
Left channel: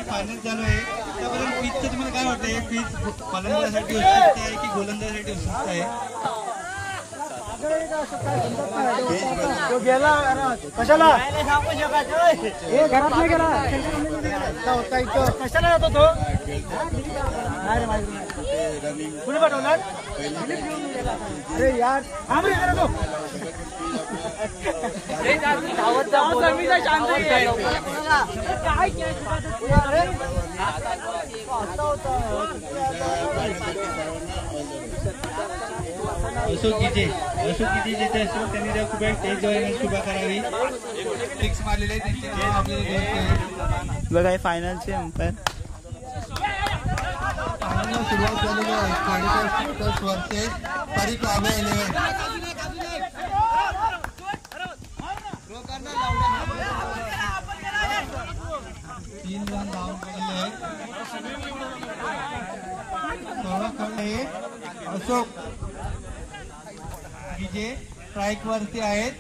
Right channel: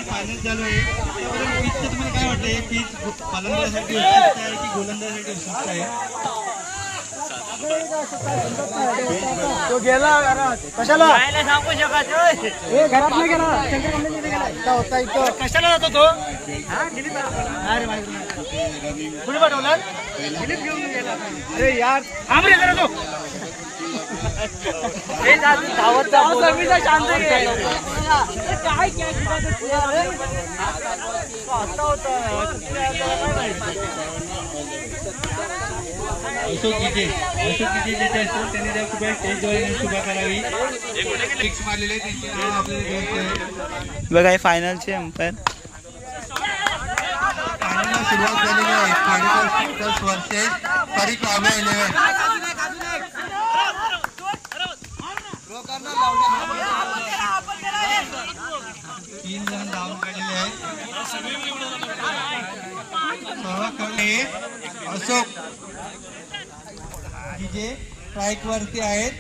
फायनल चालू आहे. पिचचं तुम्हाला काय वाटतंय? पिच फलंदाजासाठी उपयुक्त आहे की गोलंदाजासाठी उपयुक्त आहे? कशाला सांगू शकत घरात नाही गेला कशाला जातो तो. कुठे पाठवणार अरे यार थांब रे जरा तो. अशोक गीते ज्याचे असतील त्यांनी त्या कृपया स्टेजवर उभा करावी. फिक्स मारलेले त्यांचे आपल्याला बघा हे फायनलचे अंपायर. फायनलला सुरुवात झालेली आहे. खेडेकर वर्सेस परी कावे 11. 3 जण धावून काढलेले आहेत. अशोक जे स्ट्राईक वरती आहेत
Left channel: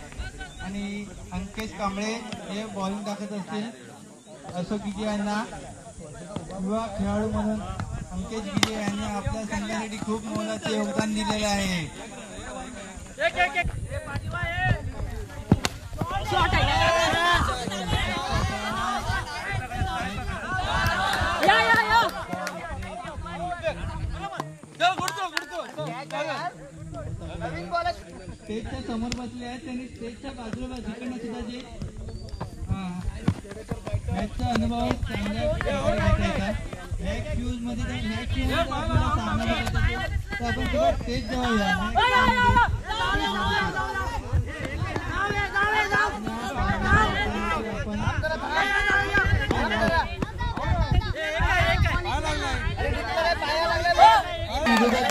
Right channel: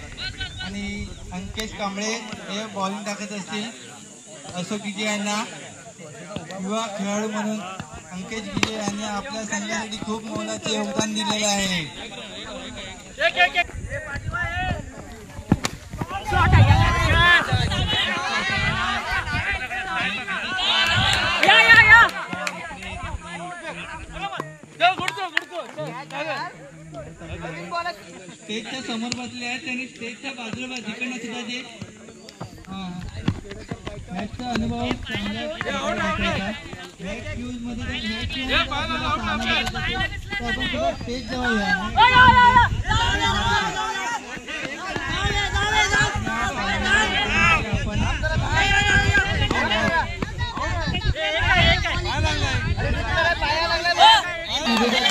आणि अंकेश कांबळे हे बॉलिंग टाकत असतील. अशोक गिजे यांना युवा खेळाडू म्हणून अंकेश गिजे यांनी आपल्या संघासाठी खूप मोलाचे योगदान दिलेले आहे. स्टेजच्या समोर बसले आहेत त्यांनी स्टेजच्या बाजूला जिकडनं सुद्धा जे मॅचचा अनुभव चांगल्या मॅच फ्यूज मध्ये आपण सुद्धा स्टेज जवळ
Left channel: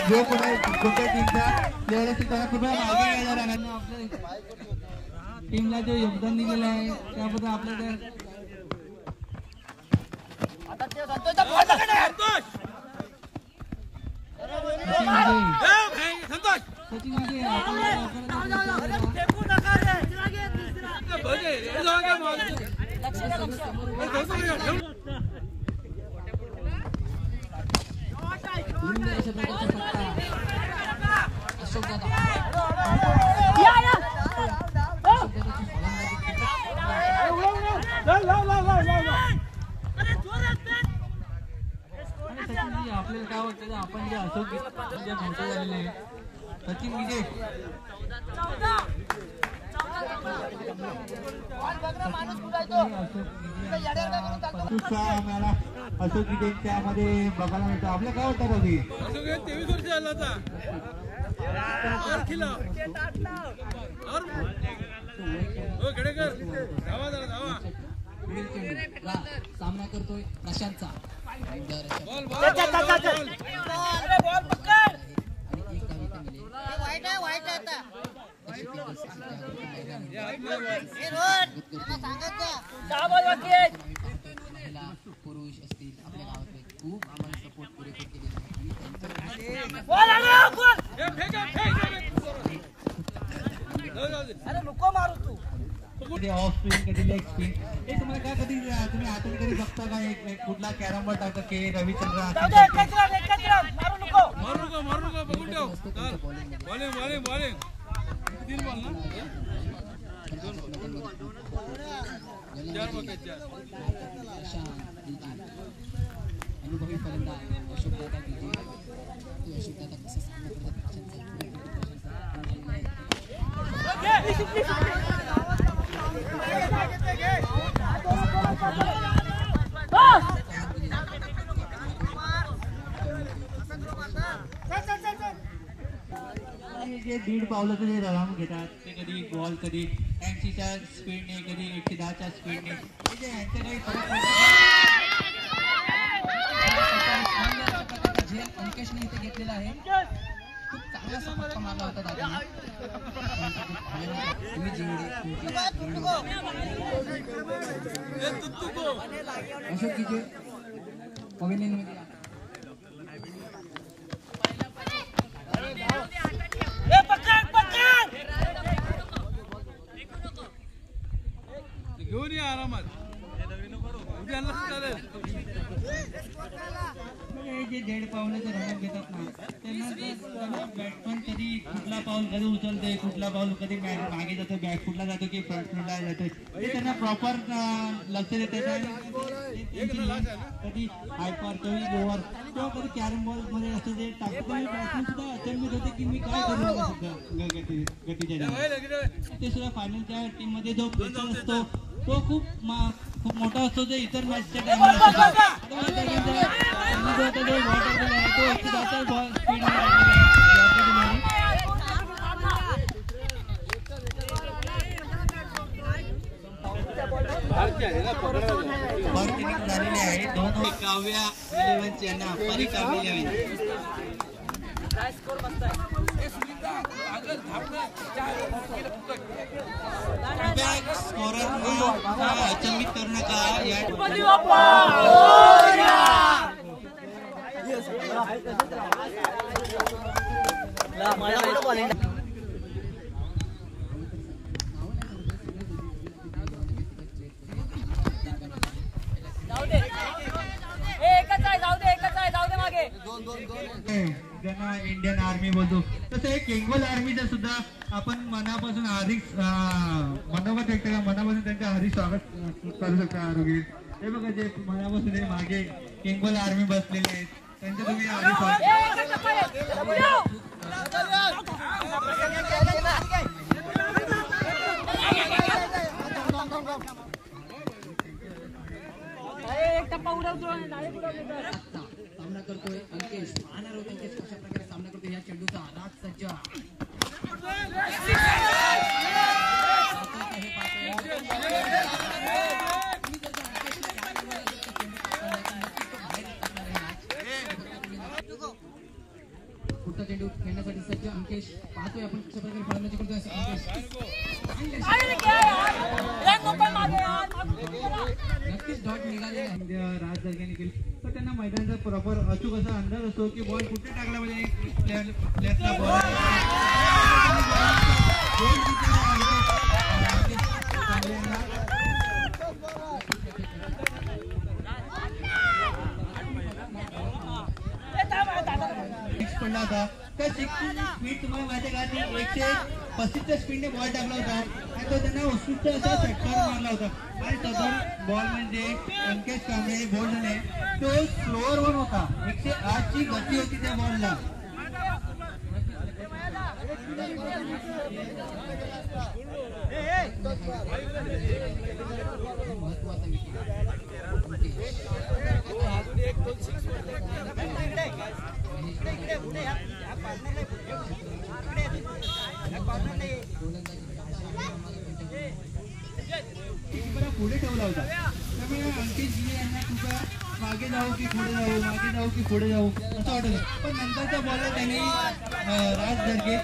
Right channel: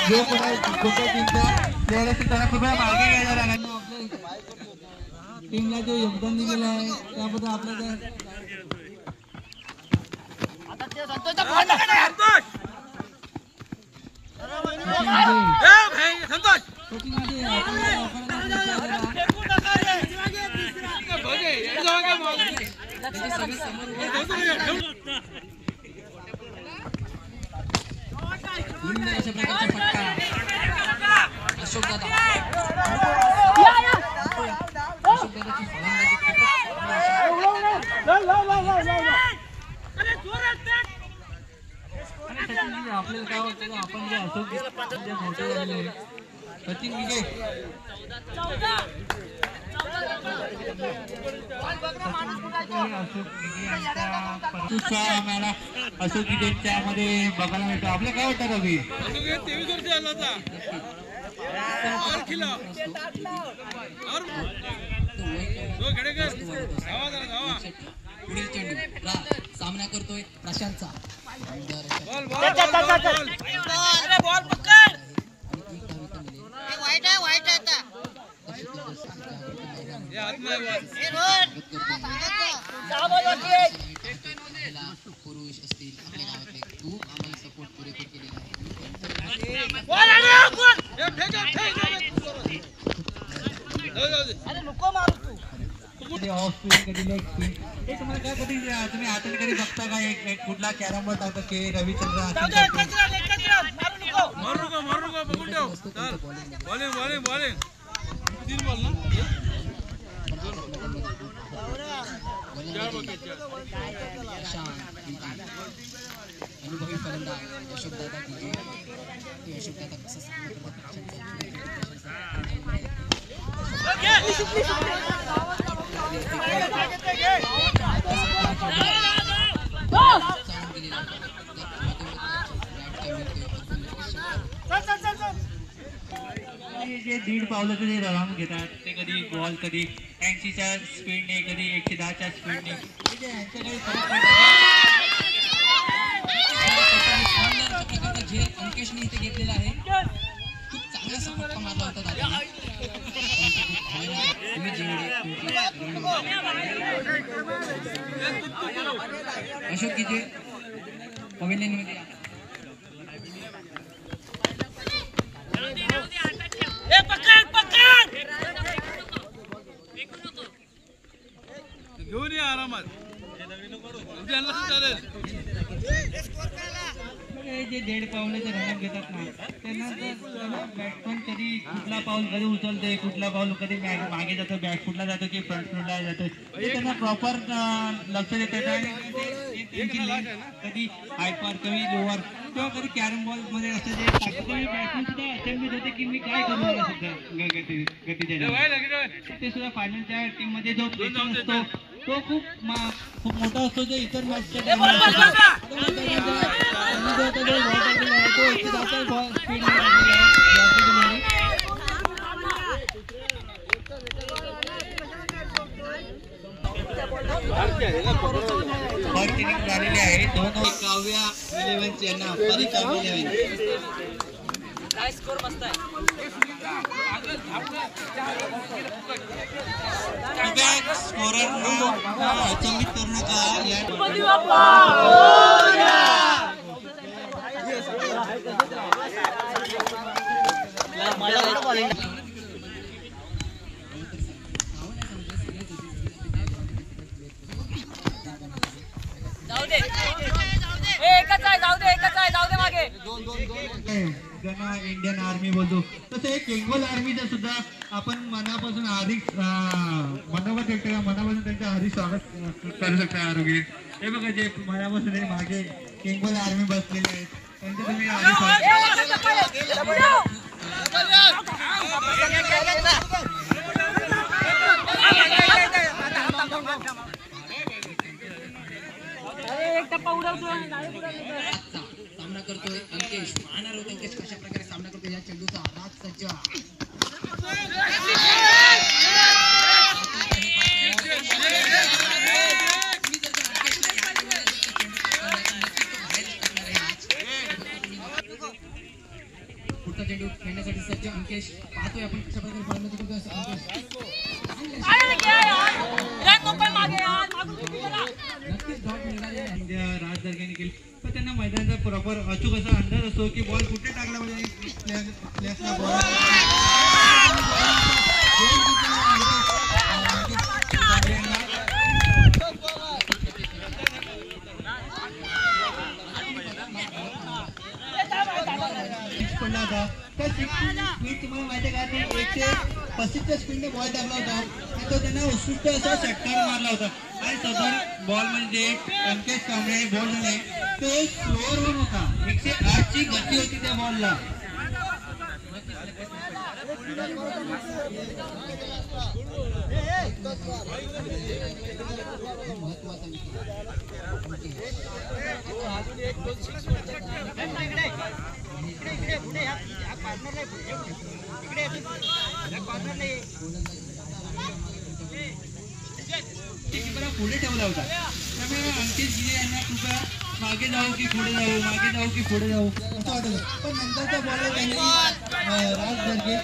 जो कोणत्या टीमचा प्लेअर असेल त्याला कृपया मागे घ्यायला राहणार. आपल्या टीमला जो योगदान दिलेलं आहे त्याबद्दल आपल्याला सुंदर अशा प्रकारचा फटका अशोक दादा अशोक दादाची फलंदाजी आपल्याला काय वाटतं आपण जे अशोक जे मोठे झालेले आहे सचिन विजय अशोक विजयच्या मध्ये बघायला मिळतो. आपल्याला काय वाटतं रवी? 23 वर्ष झाला होता. और खिला पुढील चेंडू सामना करतोय प्रशांतचा बॉल बॉल बॉल अरे बॉल पकड वाईट आहे आता ये हात नाही बॉल पुरुष असतील आपल्या गावातले खूप आम्हाला सपोर्ट पुरेपूर केलेला कधी ऑफ स्पिन कधी लेग स्पिन हे तुम्हाला काय कधी तुम्ही हाताने कधी बघता का एक कुठला कॅरम बोर्ड दाखवतो की रविचंद्र मारू नको बघून ठेव चल बॉलिंग 3 बॉल ना 4 बकेट 4 अनुभवी फलंदाज अशोक दादा विजय अशोक दादा कसा जे 1.5 पावलाचं जे राऊंड घेतात ते कधी बॉल कधी 80च्या स्पीडने कधी 110च्या स्पीडने म्हणजे ह्यांचं काही फरक पडतो. जे अंकेशने इथे घेतलेला आहे खूप चांगला सपोर्ट मारला होता दादा अशोक विजय पवेलियनमध्ये घेऊन या आरामात उद्या चालेल. जे 1.5 पावलाचं रनअप घेतात ना त्यांना बॅट्समन कधी कुठला पाऊल कधी उचलते कुठला पाऊल कधी मागे जातो बॅक फुटला जातो की फ्रंट फुटला जातो त्यांना प्रॉपर लक्ष देतात आणि त्यांची लेंथ कधी हायपर कधी लोअर किंवा कधी कॅरम बॉल मध्ये असं जे टाकतो बॅट्समन सुद्धा अचंबित होते की मी काय करू आता सध्या गतीच्या ते सुद्धा फायनलच्या टीम मध्ये जो प्रेशर असतो तो खूप मोठा असतो जो इतर मॅचच्या झालेले आहे. काव्या 11 यांना काव्या 11 अचंबित करू नका ज्यांना इंडियन आर्मी बोलतो तसं एक बेंगॉल आर्मीचं सुद्धा आपण मनापासून हार्दिक मनापासून त्यांचं हार्दिक स्वागत करू शकता आरोग्य. हे बघा जे मनापासून मागे बेंगॉल आर्मी बसलेले आहेत त्यांचं तुम्ही हार्दिक सामना करतोय अंकेश पाहणार होता अंकेश कशा प्रकारे सामना करतोय या चेंडूचा राज सज्जा पुढचा चेंडू खेळण्यासाठी सज्ज अंकेश पाहतोय आपण कशा प्रकारे फलंदाजी करतोय नक्कीच डॉट निघाले राज दर्ग्याने केली पण त्यांना मैदानाचा प्रॉपर अचूक असा अंदाज असतो की बॉल कुठे टाकल्यामध्ये प्लेयर्सला बॉल स्पीड तुम्हाला माहिती आहे का, ते 135च्या स्पीडने बॉल टाकला होता आणि तो त्यांना उत्कृष्ट असा षटकार मारला होता. आणि सदर बॉल म्हणजे अंकेश कांबळे बॉल झालाय तो स्लोअर होऊन होता. 108ची गती होती त्या बॉलला. पुढे ठेवला होता. त्यामुळे अंकित जी यांना कृपया मागे जाऊ की पुढे जाऊ, मागे जाऊ की पुढे जाऊ असं वाटत. पण नंतरच्या बॉलला त्यांनी राज धरली.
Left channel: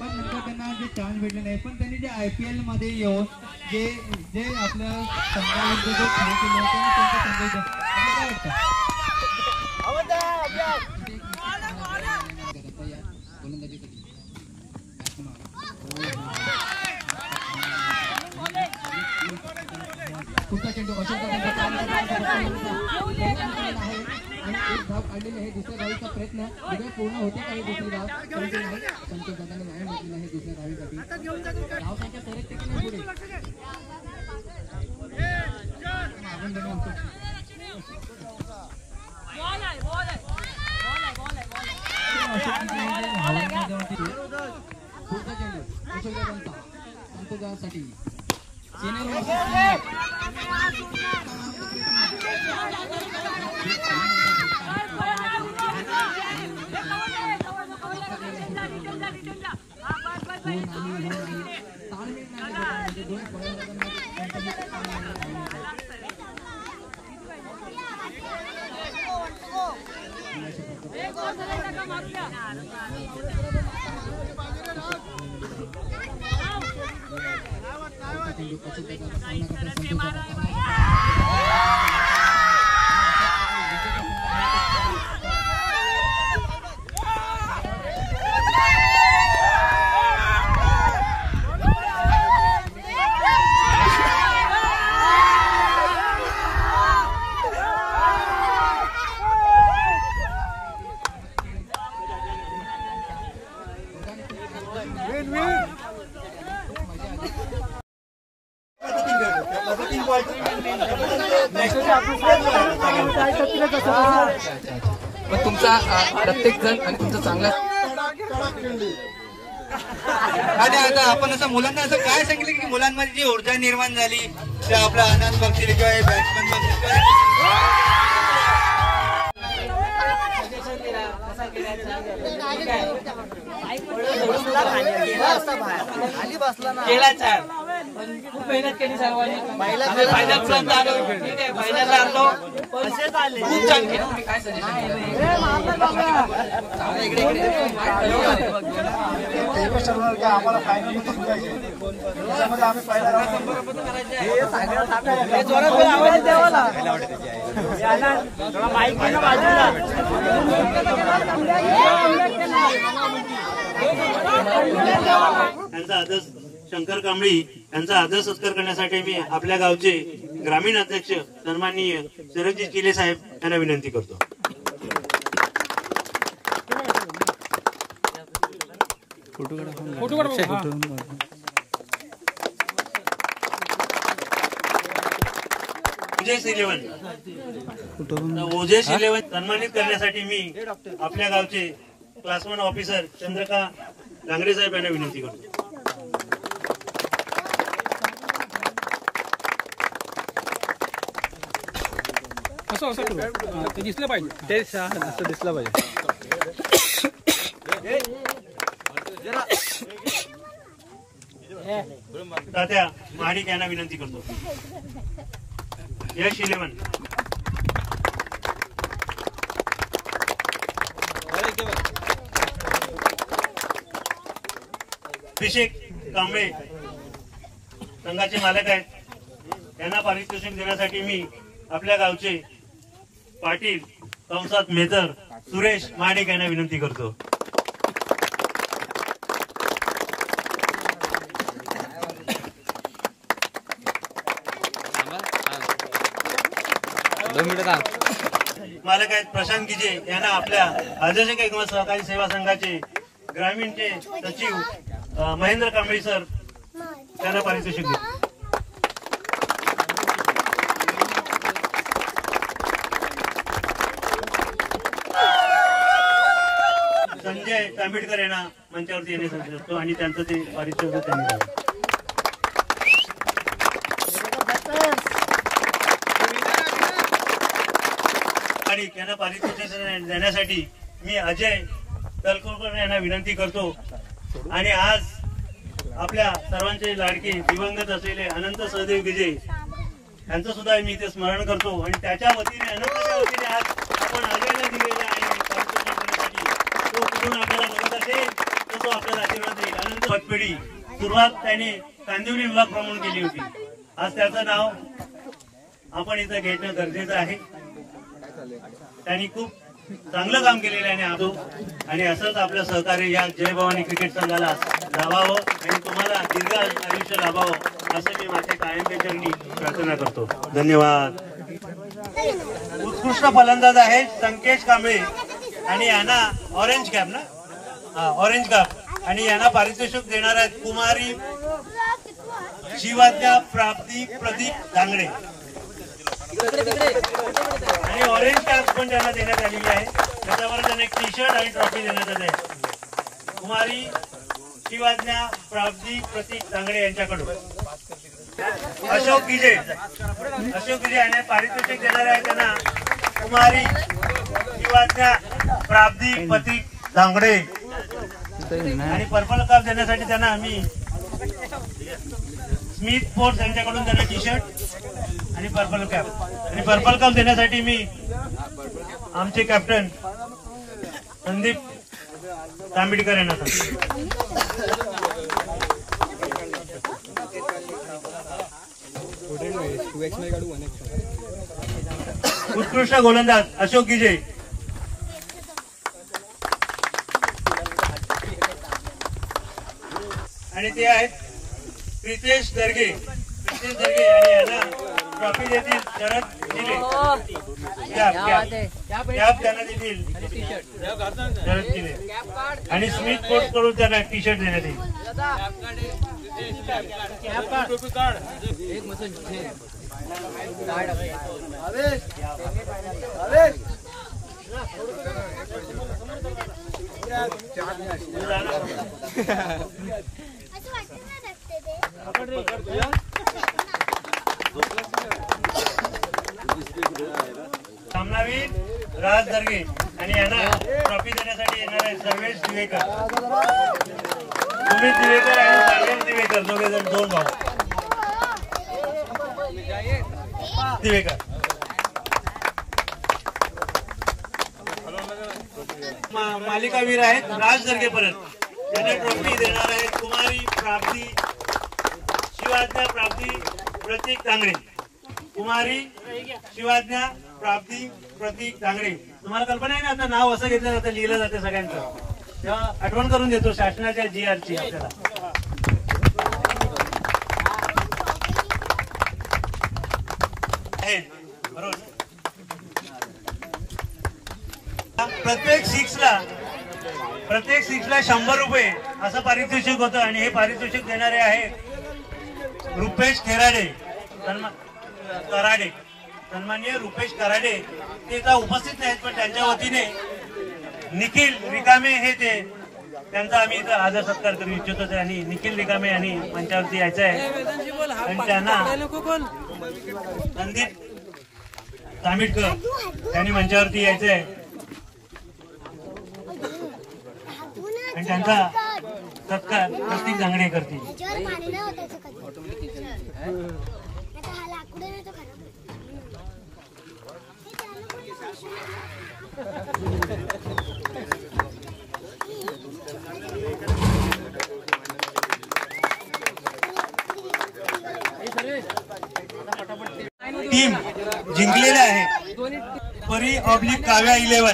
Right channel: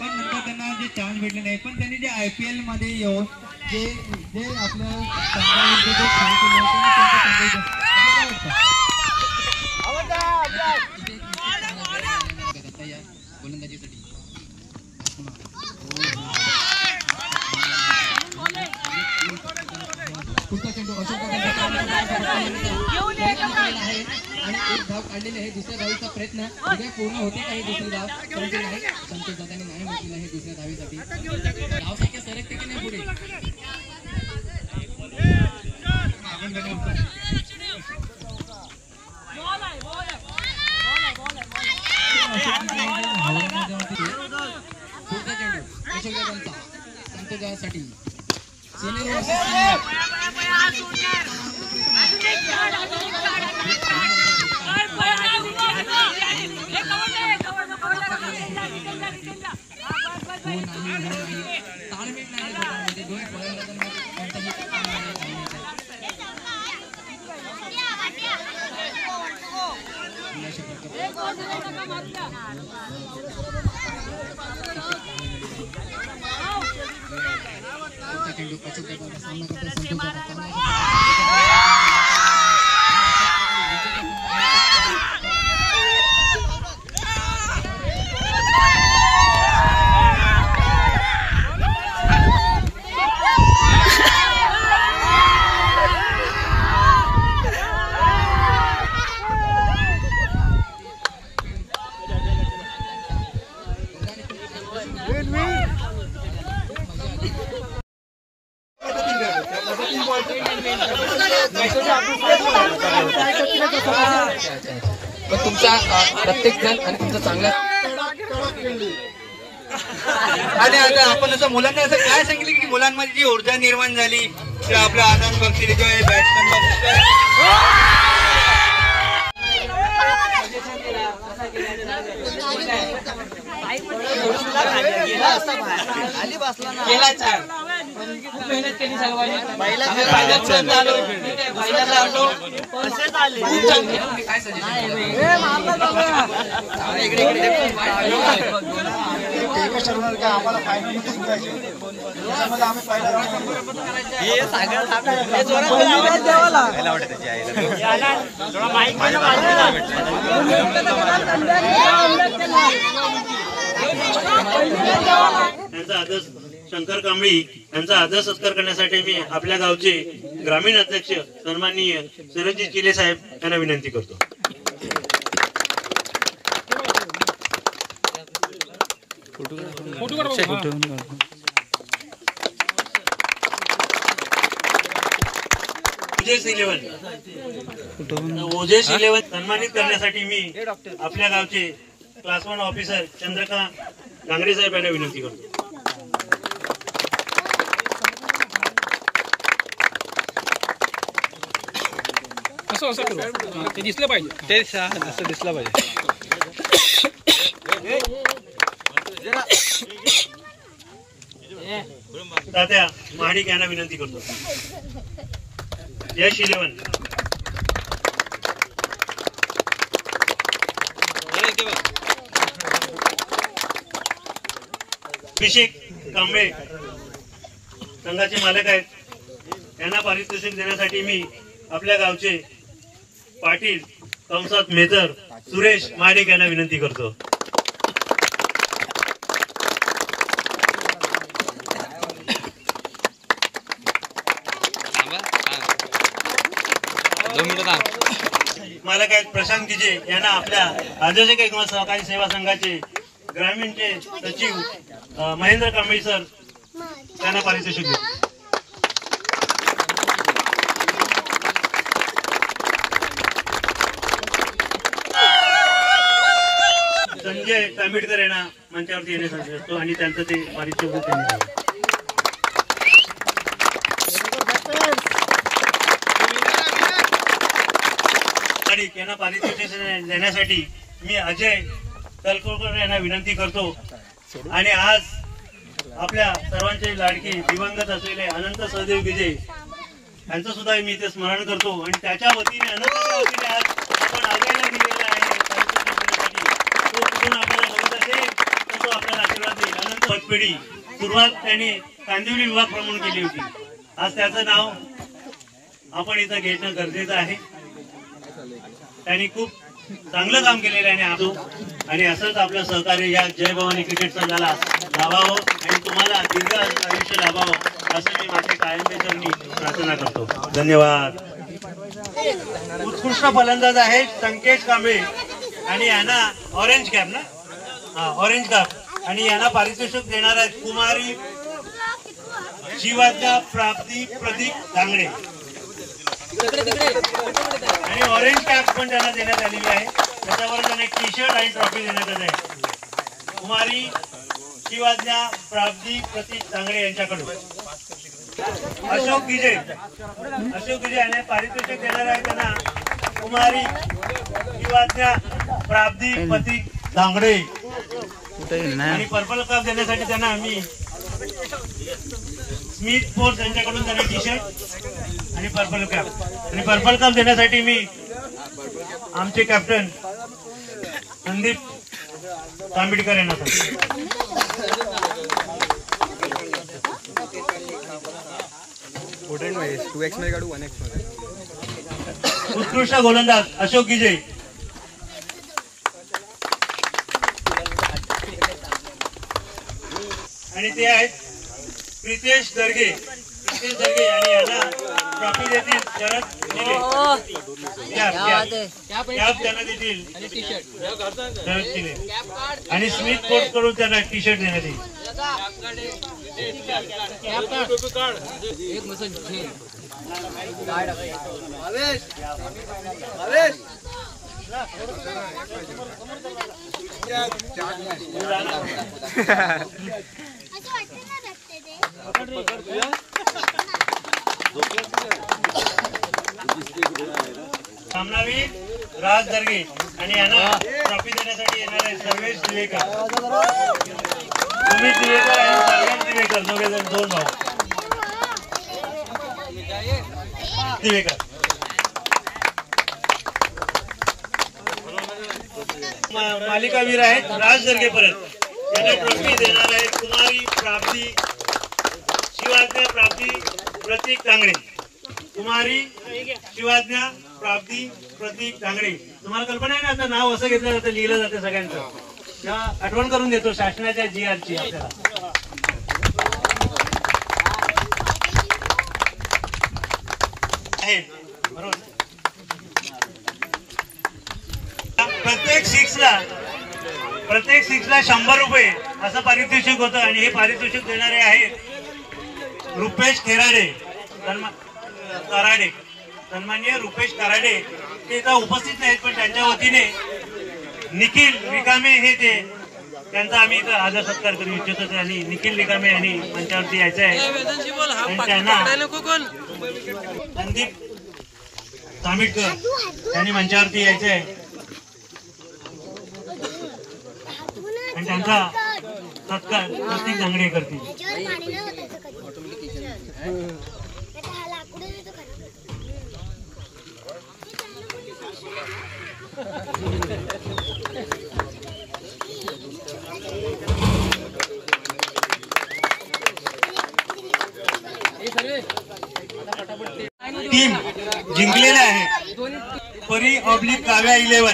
पण नंतर त्यांना जे चान्स भेटले नाही. पण त्यांनी जे IPL मध्ये येऊन जे आपल्या संघाविरुद्ध जे खेळ केले होते काय वाटतं? पुढचा चेंडू अशोक आहे आणि एक धाव काढलेली आहे. दुसऱ्या धावीचा प्रयत्न उद्या पूर्ण होते काही दुसरी धाव परंतु नाही. संतोष दादांनी न्याय मिळालेला आहे दुसऱ्या धावीसाठी. धाव संख्या सरकते की नाही पुढे पुढचा चेंडू अशोक दादांचा संतोष दादासाठी. पण तुमचा प्रत्येक जण आणि तुमचा चांगला. आणि आता आपण असं मुलांना असं काय सांगितलं की मुलांमध्ये जी ऊर्जा निर्माण झाली तर आपला आनंद बघतील किंवा हे बॅट्समॅन बघतील खूप मेहनत केली सर्वांनी. आम्ही फायनलपर्यंत आलो. ठीक आहे, फायनलला आलो. खूप चांगली. तुम्ही काय सजेशन आम्हाला फायनल त्याच्यामध्ये आम्ही पहिला त्यांचा आदर शंकर कांबळी यांचा आदर सत्कार करण्यासाठी मी आपल्या गावचे ग्रामीण अध्यक्ष सन्माननीय सरजित किले साहेब यांना विनंती करतो. ओजेस 11 सन्मानित करण्यासाठी मी आपल्या गावचे क्लास 1 ऑफिसर चंद्रकांत डांगरे साहेब यांना विनंती करतो. ते दिसलं पाहिजे. ते असं दिसलं पाहिजे. तात्या महाडिक यांना विनंती करतो. यश 11 अभिषेक कांबळे संघाचे मालक आहेत. त्यांना पारितोषिक देण्यासाठी मी आपल्या गावचे पाटील कंसात मेजर सुरेश महाडिक यांना विनंती करतो. मालक आहेत प्रशांत गिजे यांना आपल्या आदर्श किंवा सहकारी सेवा संघाचे ग्रामीणचे सचिव महेंद्र कांबळे सर त्यांना पारितोषिक देतो. संजय तांबिडकर यांना मंचावरती येण्यासाठी असतो आणि त्यांचं ते पारितोषिक त्यांनी द्यावं. यांना पारितोषिक देण्यासाठी मी अजय तलकोरकर यांना विनंती करतो. आणि आज आपल्या सर्वांचे लाडके दिवंगत असलेले अनंत सहदेव गिजे यांचं सुद्धा मी इथे स्मरण करतो आणि त्याच्या वतीने अनंतच्या वतीने आज आपण अजयला दिलेला आहे पारितोषिक देण्यासाठी. तो कुठून आपल्याला बघत असेल तर तो आपल्याला आशीर्वाद देईल. अनंत पतपेढी सुरुवात त्यांनी कांदिवली विभाग प्रमुख केली होती. आज त्याचं नाव आपण इथं घेणं गरजेचं आहे. त्यांनी खूप चांगलं काम केलेलं आहे आणि असंच आपलं सहकार्य या जय भवानी क्रिकेट संघाला लाभावं आणि तुम्हाला दीर्घ आयुष्य लाभावं असं मी माझ्या कायमच्या चरणी प्रार्थना करतो. धन्यवाद. उत्कृष्ट फलंदाज आहेत संकेश कांबळे आणि यांना ऑरेंज कॅप ना ऑरेंज कॅप आणि यांना पारितोषिक देणार आहेत कुमारी शिवाज्ञा प्राप्ती प्रदीप धांगडे आणि ऑरेंज कॅप पण त्यांना देण्यात आलेली आहे. त्याच्यावर त्यांना एक टी शर्ट आणि ट्रॉफी देण्यात आली आहे. कुमारी शिवाज्ञा प्राप्ती प्रतीक धांगडे यांच्याकडून अशोक गिजे यांना पारितोषिक देणार आहे. त्यांना कुमारी शिवाज्ञा प्राप्ती प्रतीक धांगडे आणि पर्पल कप देण्यासाठी त्यांना आम्ही स्मिथ फोर्स यांच्याकडून त्यांना टी शर्ट आणि पर्पल कप देण्यासाठी मी आमचे कॅप्टन संदीप तांबिडकर यांना उत्कृष्ट गोलंदाज अशोक गिजे आणि ते आहेत प्रितेश दर्गे आणि यांना ट्रॉफी देतील शरद दिले कॅप त्यांना देतील शरद दिले आणि स्मिथ फोर्स कडून त्यांना टी शर्ट देण्यात येईल. सामनावीर राज दर्गे आणि यांना ट्रॉफी देण्यासाठी येणार आहे सर्वेश दिवेकर, सुमित दिवेकर आणि सर्वेश दिवेकर दोघे जण दोन भाऊ दिवेकर. मालिकावीर आहेत राज दर्गे परत यांना ट्रॉफी देणार आहेत कुमारी प्राप्ती शिवाज्ञा प्राप्ती प्रतीक तांगडे. कुमारी शिवाज्ञा प्राप्ती प्रतीक तांगडे. तुम्हाला कल्पना आहे ना आता नाव असं घेतलं जातं लिहिलं जातं सगळ्यांचं. तेव्हा आठवण करून देतो शासनाच्या GR ची आपल्याला. बरोबर प्रत्येक सिक्सला 100 रुपये असं पारितोषिक होतं आणि हे पारितोषिक देणारे आहेत रुपेश खेराडे सन्माननीय रुपेश कराडे. ते इथं उपस्थित नाहीत पण त्यांच्या वतीने निखिल रिकामे हे ते त्यांचा आम्ही इथं आदर सत्कार करू इच्छितो आणि निखिल रिकामे यांनी मंचावरती यायचं आहे आणि त्यांना संदीप तांबिडकर यांनी मंचावरती यायचं आहे आणि त्यांचा सत्कार प्रतीक धांगडे करतील. टीम जिंकलेले आहे परी ऑब्लिक काव्या 11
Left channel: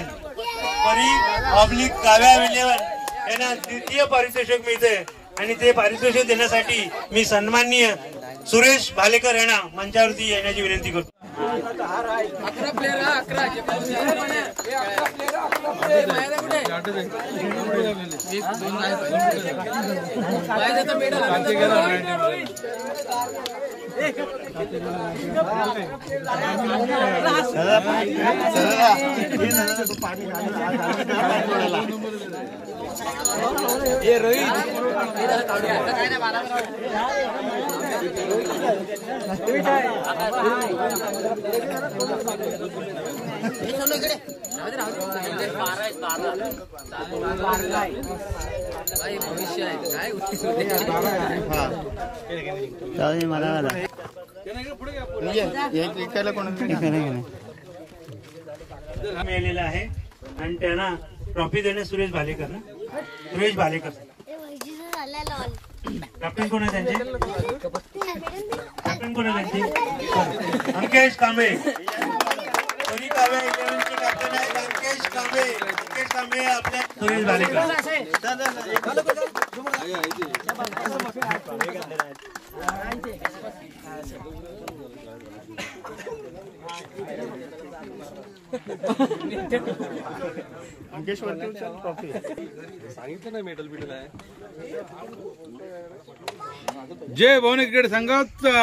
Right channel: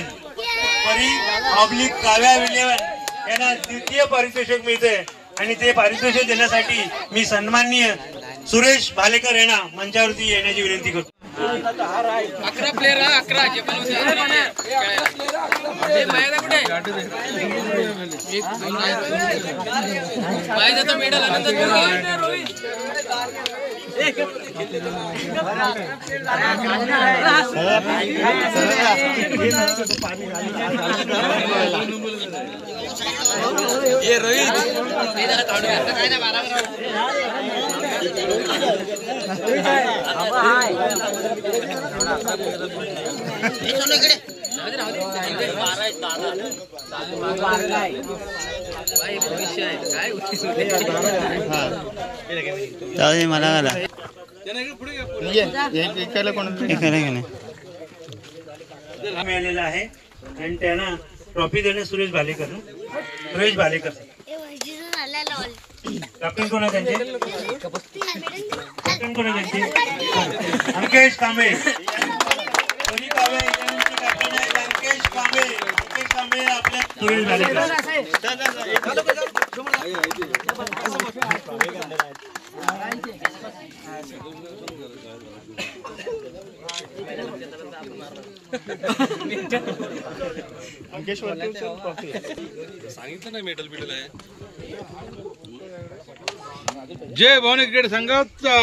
यांना द्वितीय पारितोषिक मिळते आणि ते पारितोषिक देण्यासाठी मी सन्माननीय सुरेश भालेकर यांना मंचावरती येण्याची विनंती करतो. 11 प्लेयर 11 जे पण होते 11 प्लेयर मायादा कुठे मायादा तर मेडल ये रोहित काय ना 12 मला आला मिळालेला आहे आणि त्यांना ट्रॉफी देणे सुरेश भालेकर ना सुरेश भालेकर कॅप्टन कोण आहे त्यांचे कॅप्टन कोण आहे त्यांचे अंकेश कांबळे कॅप्टन आहे अंकेश कांबळे आपल्या सुरेश भालेकर सांगितलं नाही मेडल बिडल आहे जय भवानी क्रिकेट संघाचा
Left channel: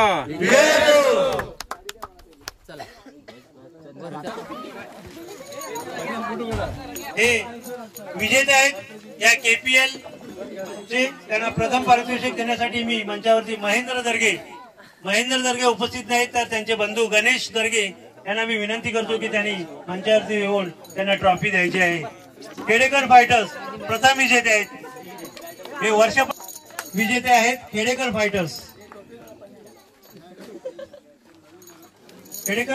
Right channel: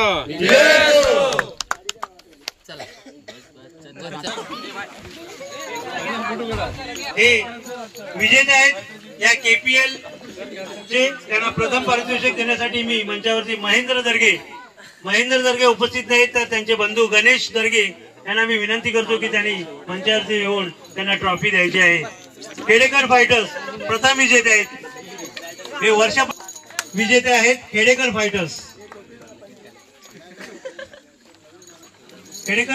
हे विजेते आहेत या KPL चे त्यांना प्रथम पारितोषिक देण्यासाठी मी मंचावरती महेंद्र दर्गे उपस्थित नाहीत तर त्यांचे बंधू गणेश दर्गे यांना मी विनंती करतो की त्यांनी मंचावरती येऊन त्यांना ट्रॉफी द्यायची आहे. खेडेकर फायटर्स प्रथम विजेते आहेत हे वर्ष विजेते आहेत खेडेकर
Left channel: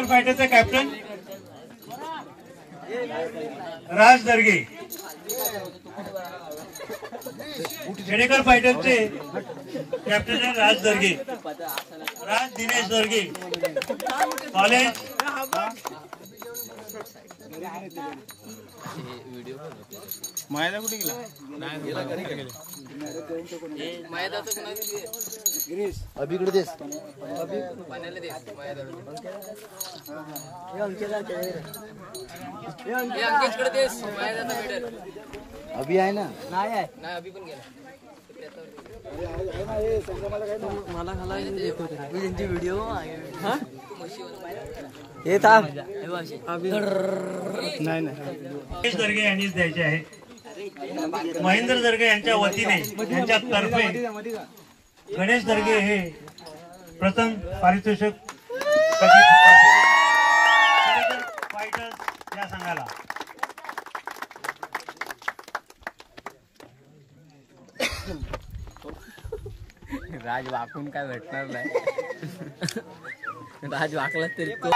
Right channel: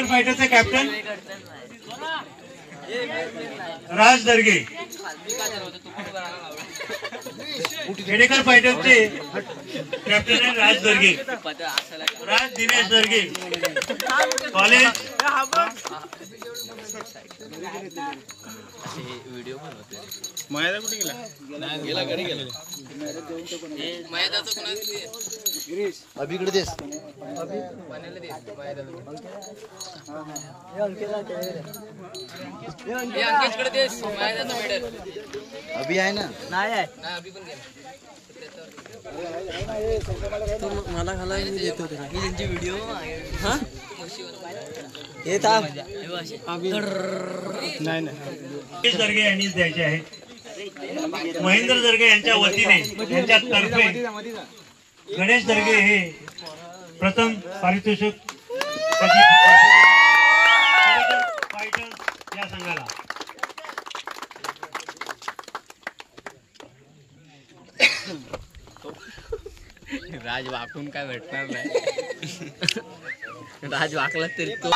फायटर्सचे कॅप्टन राज दर्गे खेडेकर फायटर्सचे कॅप्टन आहे राज दिनेश दर्गे कॉलेज मायादा कुठे गेला अभिकडे देस अभि आहे ना नाही आहे अभि पण गेला मला खाला येतो मी त्यांची व्हिडिओ येत नाही गणेश दर्गे यांनीच द्यायचे आहे. महेंद्र दर्गे यांच्या वतीने यांच्यातर्फे गणेश दर्गे हे प्रथम पारितोषिक फायटर्स या संघाला राज वाकून काय भेटणार नाही राज वाकला तरी तो